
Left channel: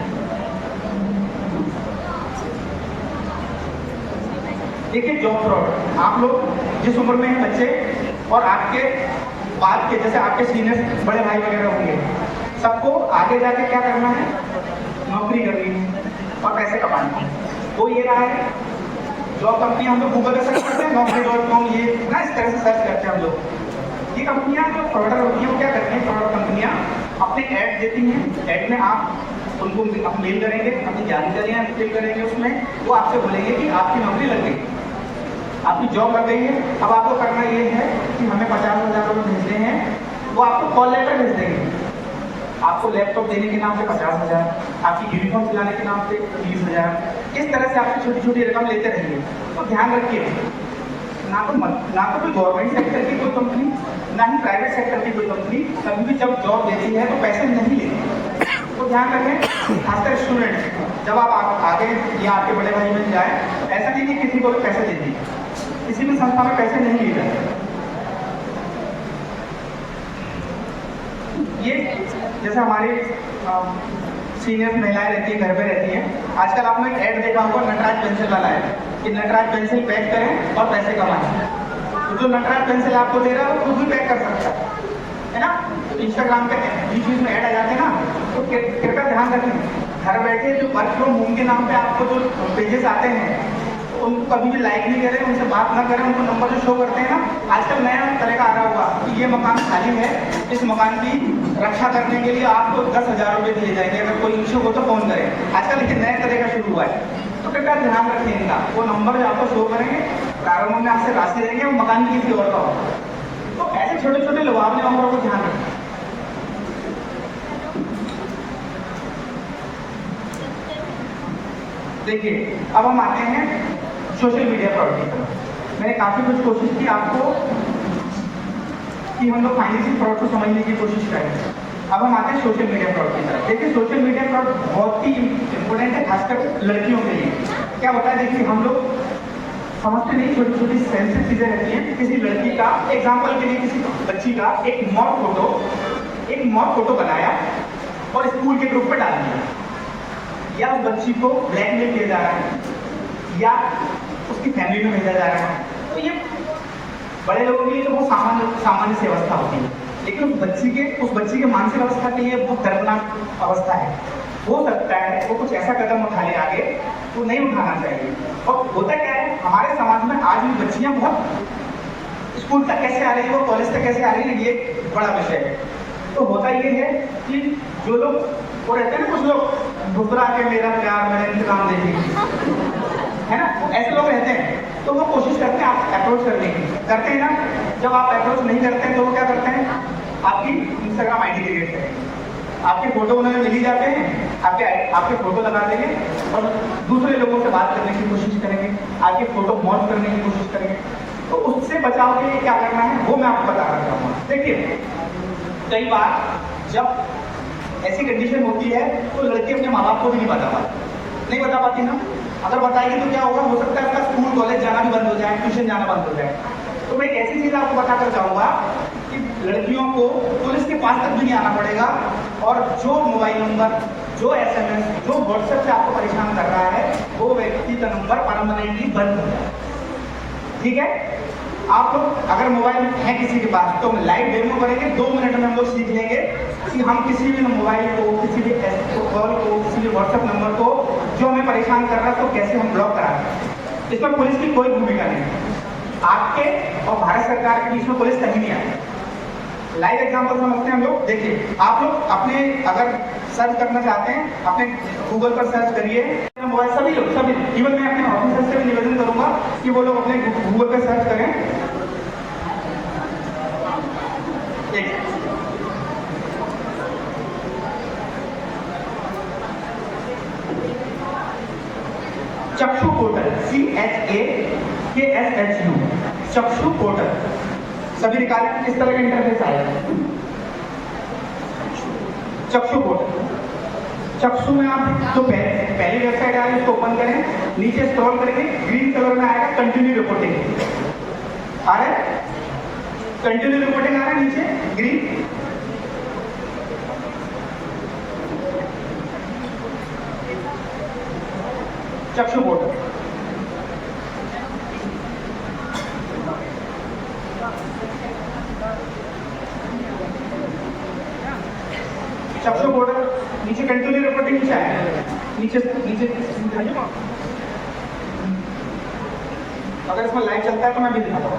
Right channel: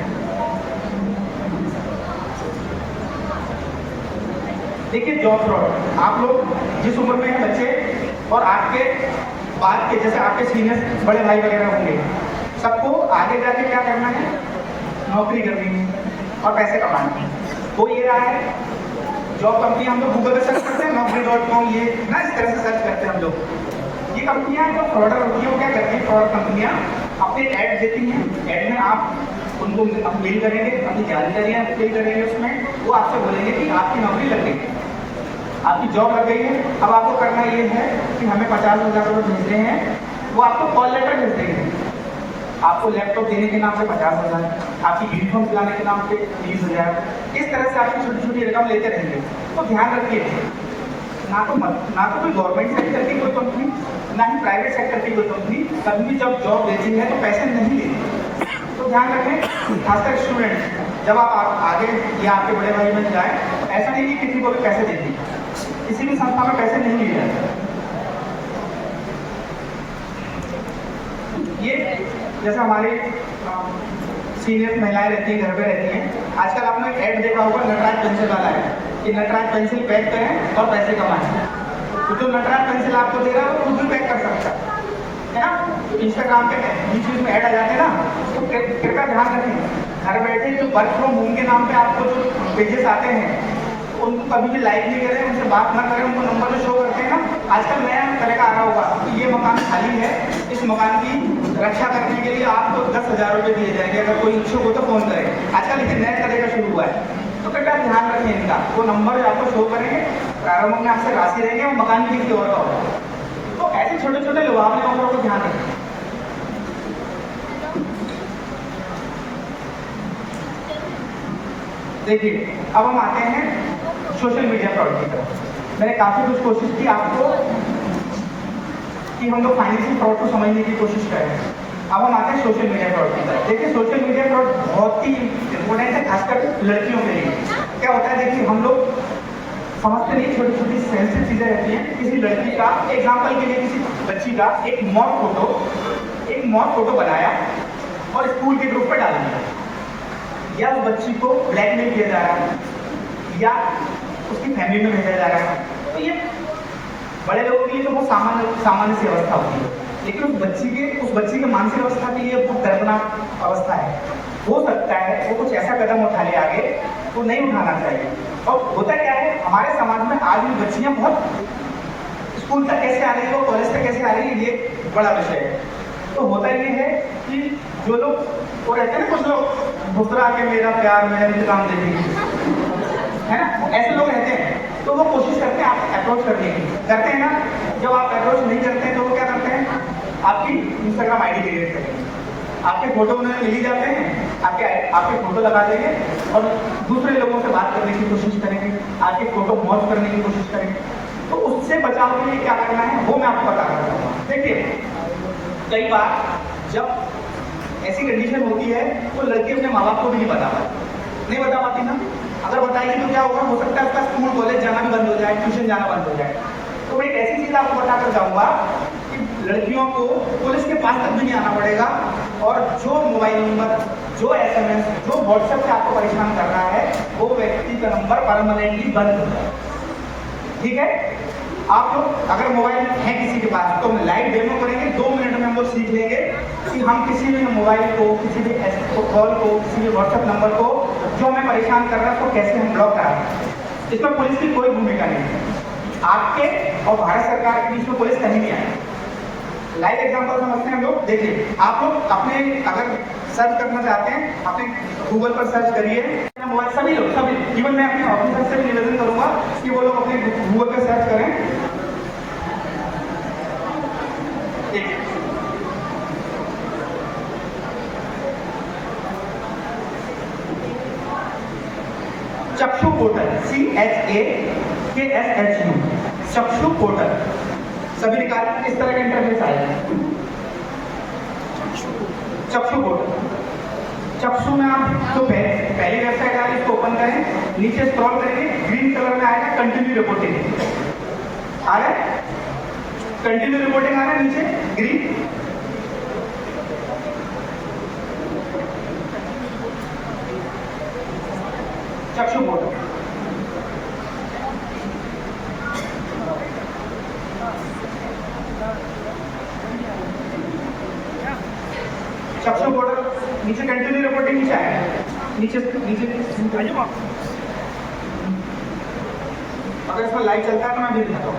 देखिए जॉब फ्रॉड, आप लोग जिस उम्र में हैं बच्चे और आपके बाद के जैसे आपके सीनियर बड़े भाई वगैरह होंगे, सबको आगे जाके क्या करना है, नौकरी करनी है और पैसे कमाना है। वो ये रहा है जॉब कंपनी हम लोग गूगल पे सर्च करते हैं, Naukri.com, ये ना इस तरह से सर्च लोग। ये कंपनियां जो फ्रॉडर होती हैं वो क्या करती हैं, फ्रॉड कंपनियां अपने ऐड देती हैं, ऐड में आप उनको मेल करेंगे, अपनी जानकारियाँ फिल करेंगे, उसमें वो आपसे बोलेंगे कि आपकी नौकरी लग गई, आपकी जॉब लग गई है, अब आपको करना ये है कि हमें 50,000 रुपये भेजने हैं। वो आपको कॉल लेटर भेज देंगे, आपको लैपटॉप देने के नाम पे 50,000, आपकी यूनिफॉर्म दिलाने के नाम पे 30,000, इस तरह से आपकी छोटी छोटी रकम लेते रहेंगे। तो ध्यान रखिए, ना तो कोई गवर्नमेंट सेक्टर की कोई कंपनी, ना ही प्राइवेट सेक्टर की कोई कंपनी कभी भी जब जॉब देती है तो पैसे नहीं लेती। तो ध्यान रखें, खासकर स्टूडेंट जब आप आगे या आपके बड़े भाई बन जाए, ऐसा नहीं कि किसी को भी पैसे देती है, किसी भी संस्था में पैसे नहीं लिए जाते। ये जैसे हमारे सीनियर महिलाएं रहती हैं, घर पे रहती हैं, आजकल आपने एक ऐड देखा होगा नटराज पेंसिल वाला है कि नटराज पेंसिल पैक करें और पैसे कमाएं। तो जो नटराज पेंसिल आपको दे रहा है वो खुद भी पैक कर सकता है ना। तो इंस्टाग्राम पे बीच बीच में ऐड आ जाते हैं ना, तो कृपया ध्यान रखें, घर बैठे जो वर्क फ्रॉम होम के नाम पे आपको जो पेजेस आते हैं उनको कभी भी लाइक नहीं करें, उनसे बात ना करें। उनको नंबर जो शो करते हैं ना, आजकल नया तरह का आ रहा होगा कि ये मकान खाली है, इस मकान की रक्षा करने के लिए आपको 10,000 रुपये दिए जाएंगे, अगर कोई इच्छुक हो तो फोन करें। आजकल लेकिन नया तरह का शुरू हुआ है, तो कृपया ध्यान रखें इनका। वो नंबर जो आपको शो करेंगे, प्रारंभ में आपसे राशि रहेंगे, वो मकान की किसी और का होगा। तो ऐसे छोटे छोटे लुभावने नंबरों को ध्यान रखें। देखिए, अब हम आते हैं सोशल मीडिया फ्रॉड की तरफ। मैंने काफी कुछ कोशिश की आपको कि हम लोग फाइनेंशियल फ्रॉड को समझने की कोशिश करें। अब हम आते हैं सोशल मीडिया फ्रॉड की तरफ। देखिए, सोशल मीडिया फ्रॉड बहुत ही इम्पोर्टेंट है, खासकर लड़कियों के लिए। क्या होता है, देखिए हम लोग समझते नहीं, छोटी छोटी सेंसिटिव चीजें रहती हैं। किसी लड़की का, एग्जाम्पल के लिए किसी बच्ची का एक मॉक फोटो बनाया और स्कूल के ग्रुप पर डाल दिया, या उस बच्ची को ब्लैकमेल किया जा रहा है, या उसकी फैमिली में भेजा जा रहा है। तो ये बड़े लोगों के लिए तो बहुत सामान्य सी अवस्था होती है, लेकिन उस बच्ची के मानसिक अवस्था के लिए बहुत दर्दनाक अवस्था है। हो सकता है वो कुछ ऐसा कदम उठा ले आगे, तो नहीं उठाना चाहिए। और होता क्या है, हमारे समाज में आज भी बच्चियां बहुत स्कूल तक कैसे आ रही है, वो कॉलेज तक कैसे आ रही है, ये बड़ा विषय है। तो होता ये है कि जो लोग वो रहते हैं ना, कुछ लोग घुसरा के मेरा प्यार मैं इंतजाम देंगे, है ना, ऐसे लोग रहते हैं। तो वो कोशिश करते हैं आप अप्रोच करने की, करते हैं ना। जब आप अप्रोच नहीं करते हैं तो वो क्या करते हैं, आपकी इंस्टाग्राम आईडी क्रिएट करेंगे, आपके फोटो उन्होंने मिल ही जाते हैं, आपके फोटो लगा देंगे और दूसरे लोगों से बात करने की कोशिश करेंगे, आपके फोटो मॉर्फ करने की कोशिश करेंगे। तो उससे बचाव के लिए क्या करना है वो मैं आपको बता रहा हूँ। देखिए, कई बार जब ऐसी कंडीशन होती है तो लड़की अपने माँ बाप को भी नहीं बता पाती ना। अगर बताएगी तो क्या होगा, हो सकता है उसका स्कूल कॉलेज जाना भी बंद हो जाए, ट्यूशन जाना बंद हो जाए। तो मैं एक ऐसी चीज आपको बताकर जाऊंगा कि लड़कियों को पुलिस के पास तक भी नहीं आना पड़ेगा, और जो मोबाइल नंबर, जो SMS, जो व्हाट्सएप से आपको परेशान कर रहा है, वो व्यक्ति का नंबर परमानेंटली बंद हो जाए। ठीक है, आप लोग अगर मोबाइल है किसी के पास तो हम लाइव डेमो करेंगे, 2 मिनट में हम लोग सीख लेंगे कि हम किसी भी मोबाइल को, किसी भी कॉल को, किसी भी व्हाट्सएप नंबर को जो हमें परेशान कर रहा है तो कैसे हम ब्लॉक कराएं। इसमें पुलिस की कोई भूमिका नहीं है, आपके और भारत सरकार के बीच में पुलिस कहीं नहीं आए। लाइव एग्जांपल समझते हैं हम लोग। देखिए, आप लोग अपने अगर सर्च करना चाहते हैं, अपने गूगल पर सर्च करिए, मोबाइल सभी लोग इवन मैं अपने ऑफिसर से भी निवेदन करूंगा कि वो लोग अपने गूगल पर सर्च करें। चक्षु पोर्टल, CHAKSHU, चक्षु पोर्टल सभी निकालें। इस तरह का इंटरफेस आएगा। चक्षु पोर्टल, चक्षु में आप जो पहली वेबसाइट आ रही है उसको ओपन करें, नीचे स्क्रॉल करेंगे, ग्रीन कलर में आएगा कंटिन्यू रिपोर्टिंग आ रहा है, कंटिन्यू रिपोर्टिंग आ रहा है नीचे ग्रीन। चक्षु पोर्टल, चक्षु पोर्टल नीचे कंटिन्यू रिपोर्टिंग नीचे आएगा, नीचे अगर इसमें लाइव चलता है तो मैं भी दिखाता हूँ।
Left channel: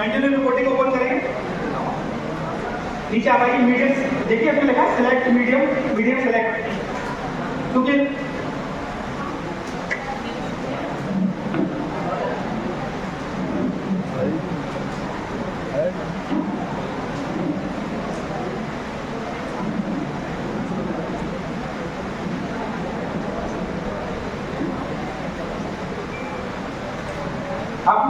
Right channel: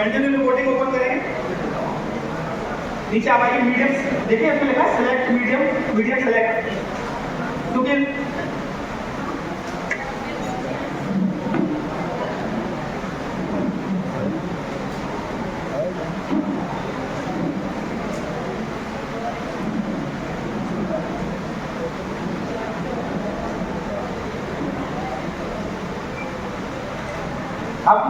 कंटिन्यू रिपोर्टिंग ओपन करेंगे, नीचे आप आइए, मीडियम देखिए इसमें लिखा है सिलेक्ट मीडियम, मीडियम सिलेक्ट, क्योंकि अब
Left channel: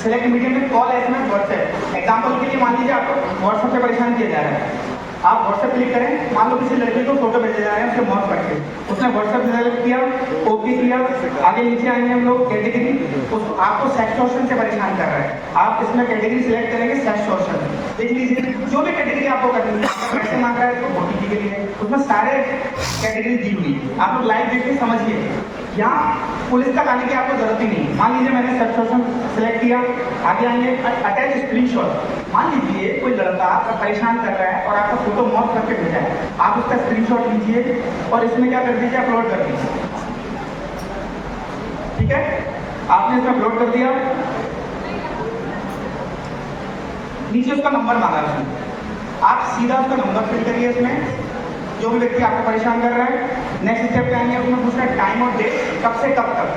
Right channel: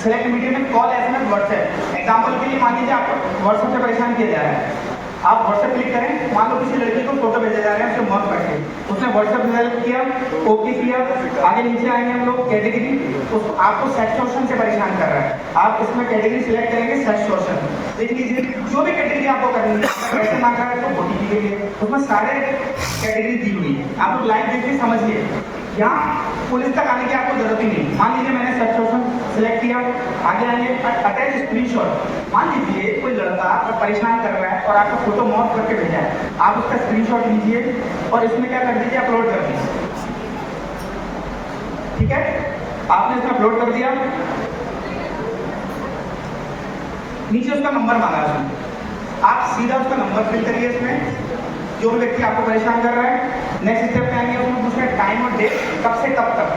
सिलेक्ट मीडियम में कॉल एसएमएस व्हाट्सएप, एग्जांपल के लिए मान लीजिए आप व्हाट्सएप से परेशान किया जा रहा है, आप व्हाट्सएप क्लिक करें, मान लो किसी लड़के को फोटो भेजे जा रहे हैं उससे मौत करके, उसने व्हाट्सएप सेलेक्ट किया, ओके किया, आगे नीचे आएंगे हम लोग कैटेगरी, तो आपको सेक्सटॉर्शन से परेशान कर रहा है, आप इसमें कैटेगरी सिलेक्ट करेंगे सेक्सटॉर्शन, देख लीजिए जो भी कैटेगरी आपको करनी है, क्वेश्चन आ रहा है तो ओटीपी के लिए, उसमें सारे कैटेगरी दी हुई है, आप लोग लाइव देखिए समझिए, यहाँ पुलिस तक आने की आपको जरूरत ही नहीं। मान लीजिए मैंने सेक्सटॉर्शन सिलेक्ट किया, आगे आएंगे अटैच स्क्रीनशॉट, मान लीजिए कोई लड़का आपको परेशान कर रहा है और आपको फोटो मॉर्फ करके भेजा है, आप उसका स्क्रीनशॉट लीजिए और इसमें क्या कर दीजिए, अपलोड कर दीजिए, ठीक है, आपने इसमें अपलोड कर दिया, नीचे उसका नंबर मांगा है उसने, आप सीधा उसका नंबर फिल करिए इसमें, जो भी व्यक्ति आपको परेशान कर रहा है, नेक्स्ट स्टेप पे आएंगे, आपको पूछना है टाइम और डेट, कब से कब तक,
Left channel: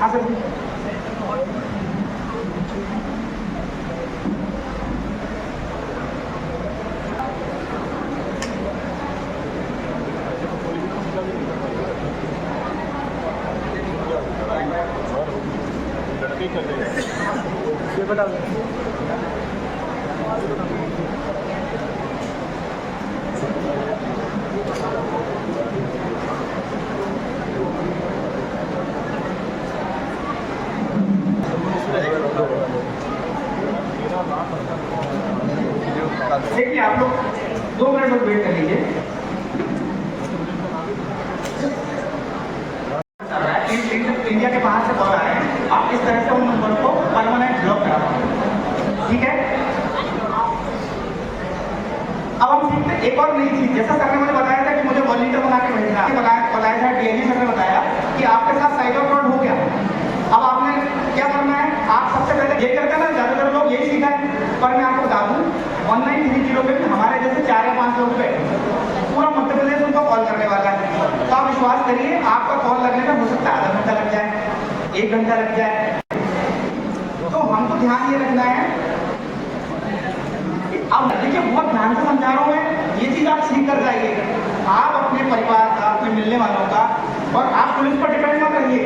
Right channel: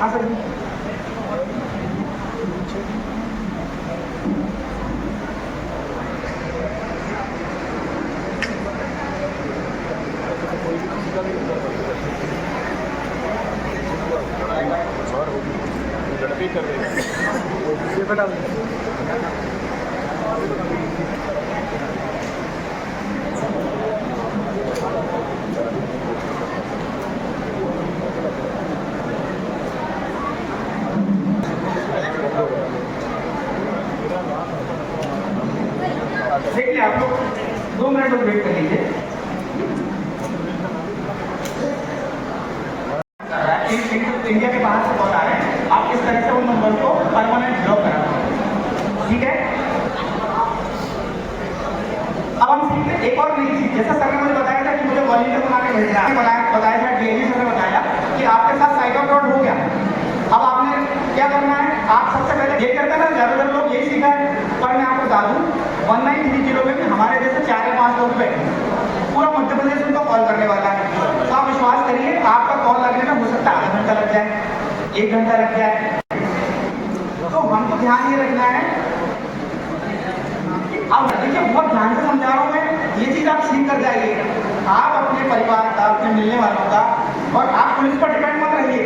हाँ सर, लड़के कर रहे हैं देखिए आप लोग 2 मिनट तक वेट कर लीजिए, इंडिया के बाहर से कॉल आ रहे हैं, आप इस तरह से वो नंबर को परमानेंट ब्लॉक करा दें, ठीक है। अब हम सीखते हैं एक और नई चीज, जैसे सर ने मुझे बताया था कि मुझे वॉलंटियर बना के भेजना है, बताया था डीएजी सर ने बताया कि आपके साथ साइबर फ्रॉड हो गया, अब आपने क्या करना है, आप सबसे पहले ये करते हैं ना, ज्यादातर लोग यही सीखा है, पर मैं आपको बता दूं 1930 में हमारे जैसे 4 या 5 लोग बैठे, पूरा मध्य प्रदेश उनको कॉल करने वाला है, तो आप विश्वास करिए आपका कॉल लगने में हो सकता है आधा घंटा लग जाए, 1 घंटा लग जाए, तो हमको ध्यान ये रखना है, अब देखिए बहुत ध्यान से समझा रहा हूँ मैं, ये चीज आप सीख कर जाइए, आप अपने परिवार का, अपने मिलने वालों का, और आप पुलिस पर डिपेंड मत रहिए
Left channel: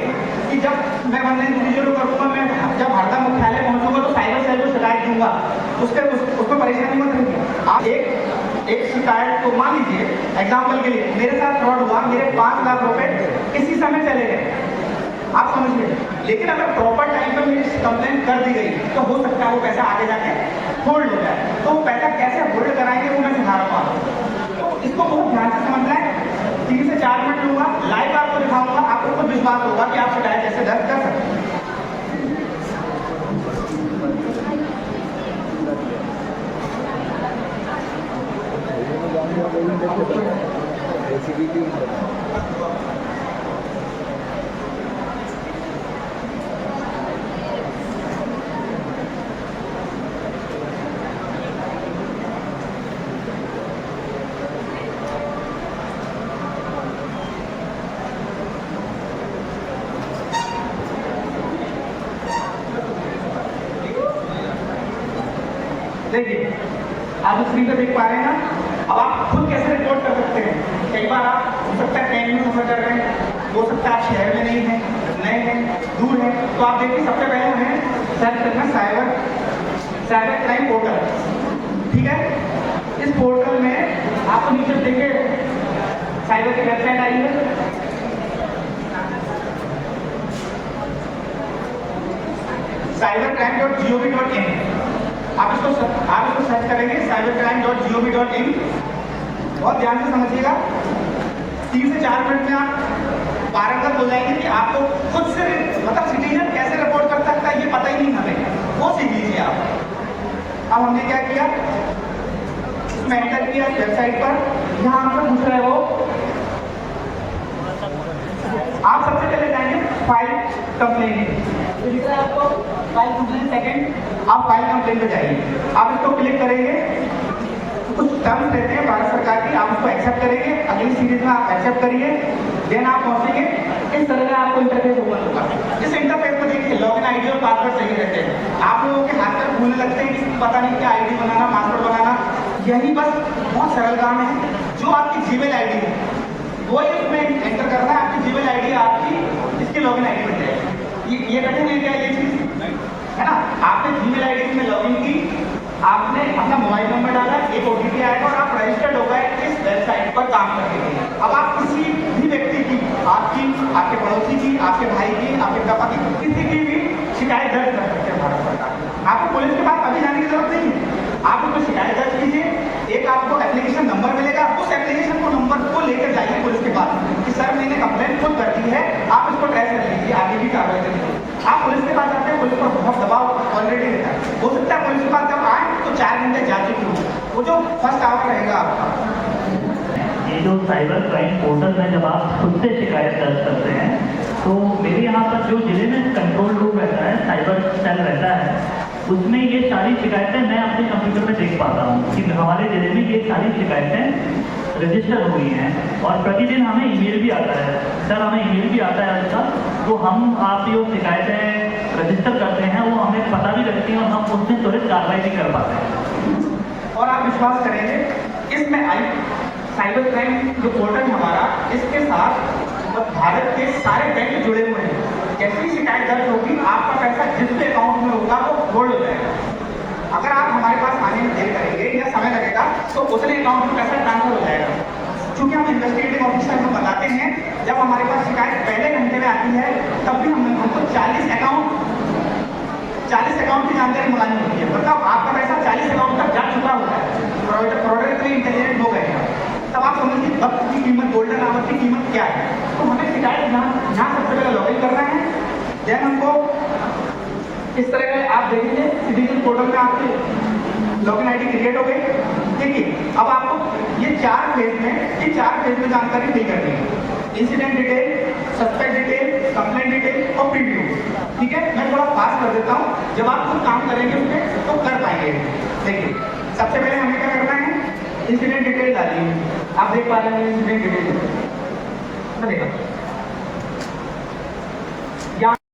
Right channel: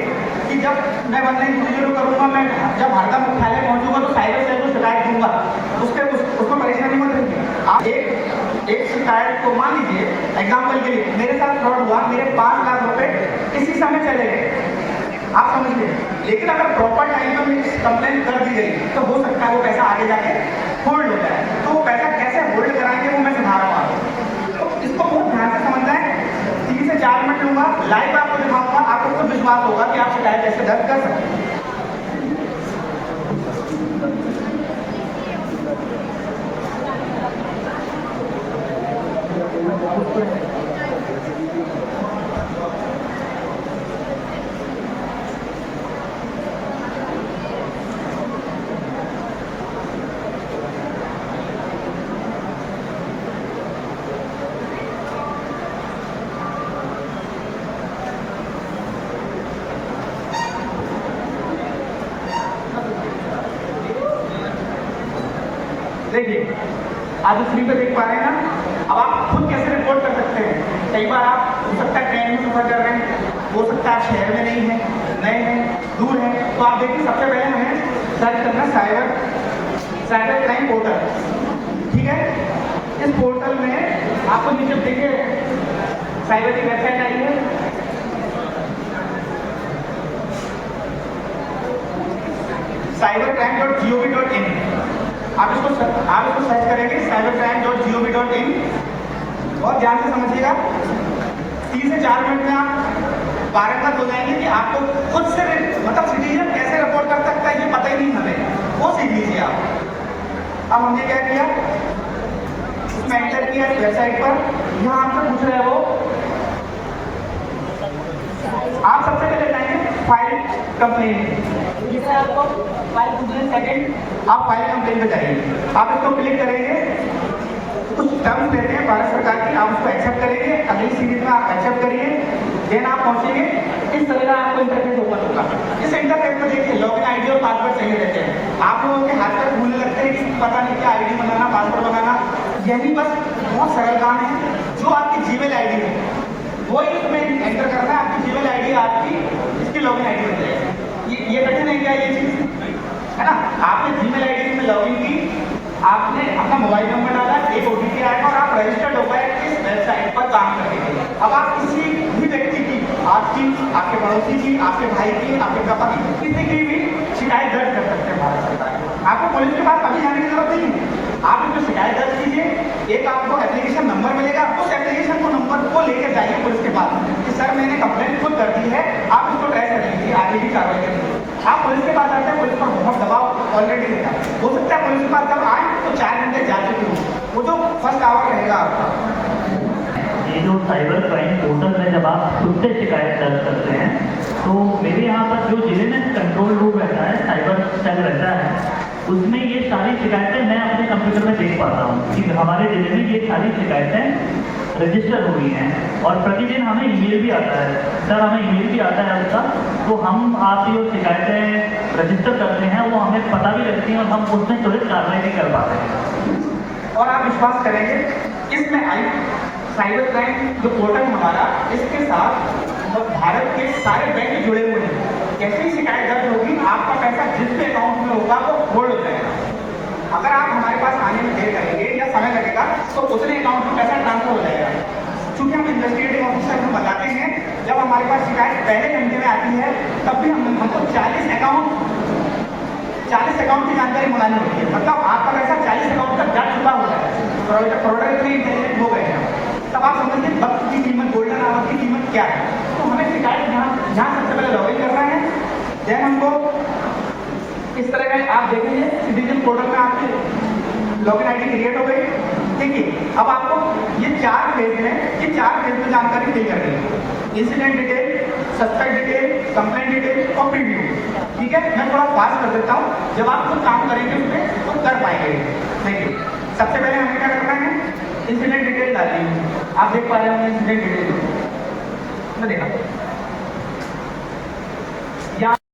कि जब मैं ऑनलाइन डिजिटल करूँगा, मैं जब हरदा मुख्यालय पहुंचूंगा तो साइबर सेल को शिकायत दूंगा, उसमें परेशानी मत रहिए, आप एक शिकायत को मान लीजिए एग्जाम्पल के लिए मेरे साथ फ्रॉड हुआ, मेरे 5 लाख रुपए इसी समय चले गए, आप समझिए, लेकिन अगर प्रॉपर टाइम पे मेरी कंप्लेंट कर दी गई तो हो सकता है वो पैसा आगे जाके होल्ड हो जाए, तो वो पैसा कैसे होल्ड कराएंगे वो मैं सिखा रहा हूँ, तो इसको बहुत ध्यान से समझना है, 3 से 4 मिनट लूंगा, लाइव आपको दिखाऊंगा, आपको तो विश्वास होगा कि आप शिकायत कैसे दर्ज कर सकते हैं। देखिए आप स्क्रीन पे देख पा रहे हैं ना, अब आप खुद कैसे रिपोर्ट कर सकते हैं, कई बार आप हो सकता है ट्रेन में सफर कर रहे हैं, हो सकता है आप शहर में नहीं हैं, नए हैं, दूर हैं, तो आप देखिए सबसे पहले हमें सर्च करना है साइबर क्राइम पोर्टल, ठीक है, इस पोर्टल में आपको नीचे देखिए साइबर की वेबसाइट आई है, cybercrime.gov.in, आप इसको सर्च करेंगे cybercrime.gov.in, बहुत ध्यान से समझिएगा, 3 से 4 मिनट में आप पारंगत हो जाएंगे कि आपको खुद से मतलब सिटीजन कैसे रिपोर्ट कर सकता है ये पता ही नहीं हमें, वो सीख लीजिए आप। अब हमने क्या किया, उसमें एंटर किया वेबसाइट पर, यहाँ आपसे पूछ रहे हो, आप सबसे पहले जाएंगे फाइल कंप्लेंट, आपको फाइल 2 सेकेंड आप फाइल कंप्लेन पे जाइए, आप इसको क्लिक करेंगे, कुछ टर्म्स रहते हैं भारत सरकार की, आप उसको एक्सेप्ट करेंगे, अगली सीरीज में आप एक्सेप्ट करिए, देन आप पहुंचेंगे, इस तरह का आपको इंटरफेस ओपन होगा। इस इंटरफेस को देखिए, लॉगिन आईडी और पासवर्ड चाहिए रहते हैं। आप लोगों के हाथ पर भूलने लगते हैं कि पता नहीं क्या आईडी बनाना, पासवर्ड बनाना, यही बस बहुत सरल काम है। जो आपकी जीमेल आईडी है वो इसमें एंटर करना है, आपकी जीमेल आईडी आपकी इसकी लॉगिन आईडी बन जाएगी। ये कठिन है क्या ये चीज, है ना? आपने जीमेल आईडी में लॉगिन की, आपने अपना मोबाइल नंबर डाला, एक ओटीपी आएगा और आप रजिस्टर्ड हो गए इस वेबसाइट पर काम करने के लिए। अब आप किसी भी व्यक्ति की, आपकी, आपके पड़ोसी की, आपके भाई की, आपके पापा की, किसी की भी शिकायत दर्ज कर सकते हैं भारत सरकार। आपको पुलिस के पास अभी जाने की जरूरत नहीं है, आप कोई शिकायत दर्ज कीजिए, एक आपको एप्लीकेशन नंबर मिलेगा, उस एप्लीकेशन को नंबर को लेकर जाइए पुलिस के पास कि सर मैंने कंप्लेंट खुद कर दी है, आप इसको ट्रेस कर लीजिए, आगे भी कार्रवाई करिए। आप पुलिस के पास आते हैं, पुलिस पर बहुत दबाव ऑलरेडी रहता है, हो सकता है पुलिस के पास जब आए तो 4 घंटे जा चुकी हो, वो जो फर्स्ट आवर रहेगा आपका। ये जो साइबर क्राइम पोर्टल में जब आप खुद से शिकायत दर्ज करते हैं, तो मेरे यहाँ पर जो जिले में कंट्रोल रूम रहता है, साइबर सेल रहता है, उसमें ये सारी शिकायतें मैं अपने कंप्यूटर में देख पाता हूँ कि हमारे जिले में ये सारी शिकायतें रजिस्टर हुई हैं। और प्रतिदिन हमें ईमेल भी आता है, सर हमें ईमेल भी आता है उसका, तो हम आपकी जो शिकायतें रजिस्टर करते हैं वो हमें पता भी लगती हैं और हम उसमें तुरंत कार्रवाई नहीं कर पाते हैं। और आप विश्वास करेंगे, इसमें आई साइबर क्राइम जो पोर्टल हमारा, इसके साथ भारत के सारे बैंक जुड़े हुए हैं। जैसी शिकायत दर्ज होगी, आपका पैसा जिस भी अकाउंट में होगा वो होल्ड हो जाएगा। अगर आप हमारे पास आने में देर करेंगे या समय लगेगा तो उतने अकाउंट में पैसा ट्रांसफर हो जाएगा। चूंकि हम इन्वेस्टिगेटिव ऑफिसर को बताते हैं, जब हमारे पास शिकायत पहले घंटे में आती है तब भी हमको 40 अकाउंट की जानकारी मंगानी होती है, मतलब आपका पैसा 40 अकाउंट तक जा चुका होता है। प्रोडक्ट इतने इंटेलिजेंट हो गए हैं, तब आप समझिए वक्त की कीमत, गोल्डन आवर की कीमत क्या है। तो हमें शिकायत यहाँ सबसे पहले लॉगिन करना है, देन हमको इस तरह के आप देखिए सिटीजन पोर्टल में आपकी लॉगिन आईडी क्रिएट हो गई। देखिए अब आपको ये 4 फेज में जानकारी फिल करनी है, incident detail, suspect detail, complaint detail और प्रीव्यू। ठीक है, मैं थोड़ा फास्ट कर देता हूँ, जब आप खुद काम करेंगे उसमें तो कर पाएंगे। देखिए सबसे पहले हमें क्या करना है, इंसिडेंट डिटेल डालिए। आप देख पा रहे होंगे इंसिडेंट डिटेल, मैं देखा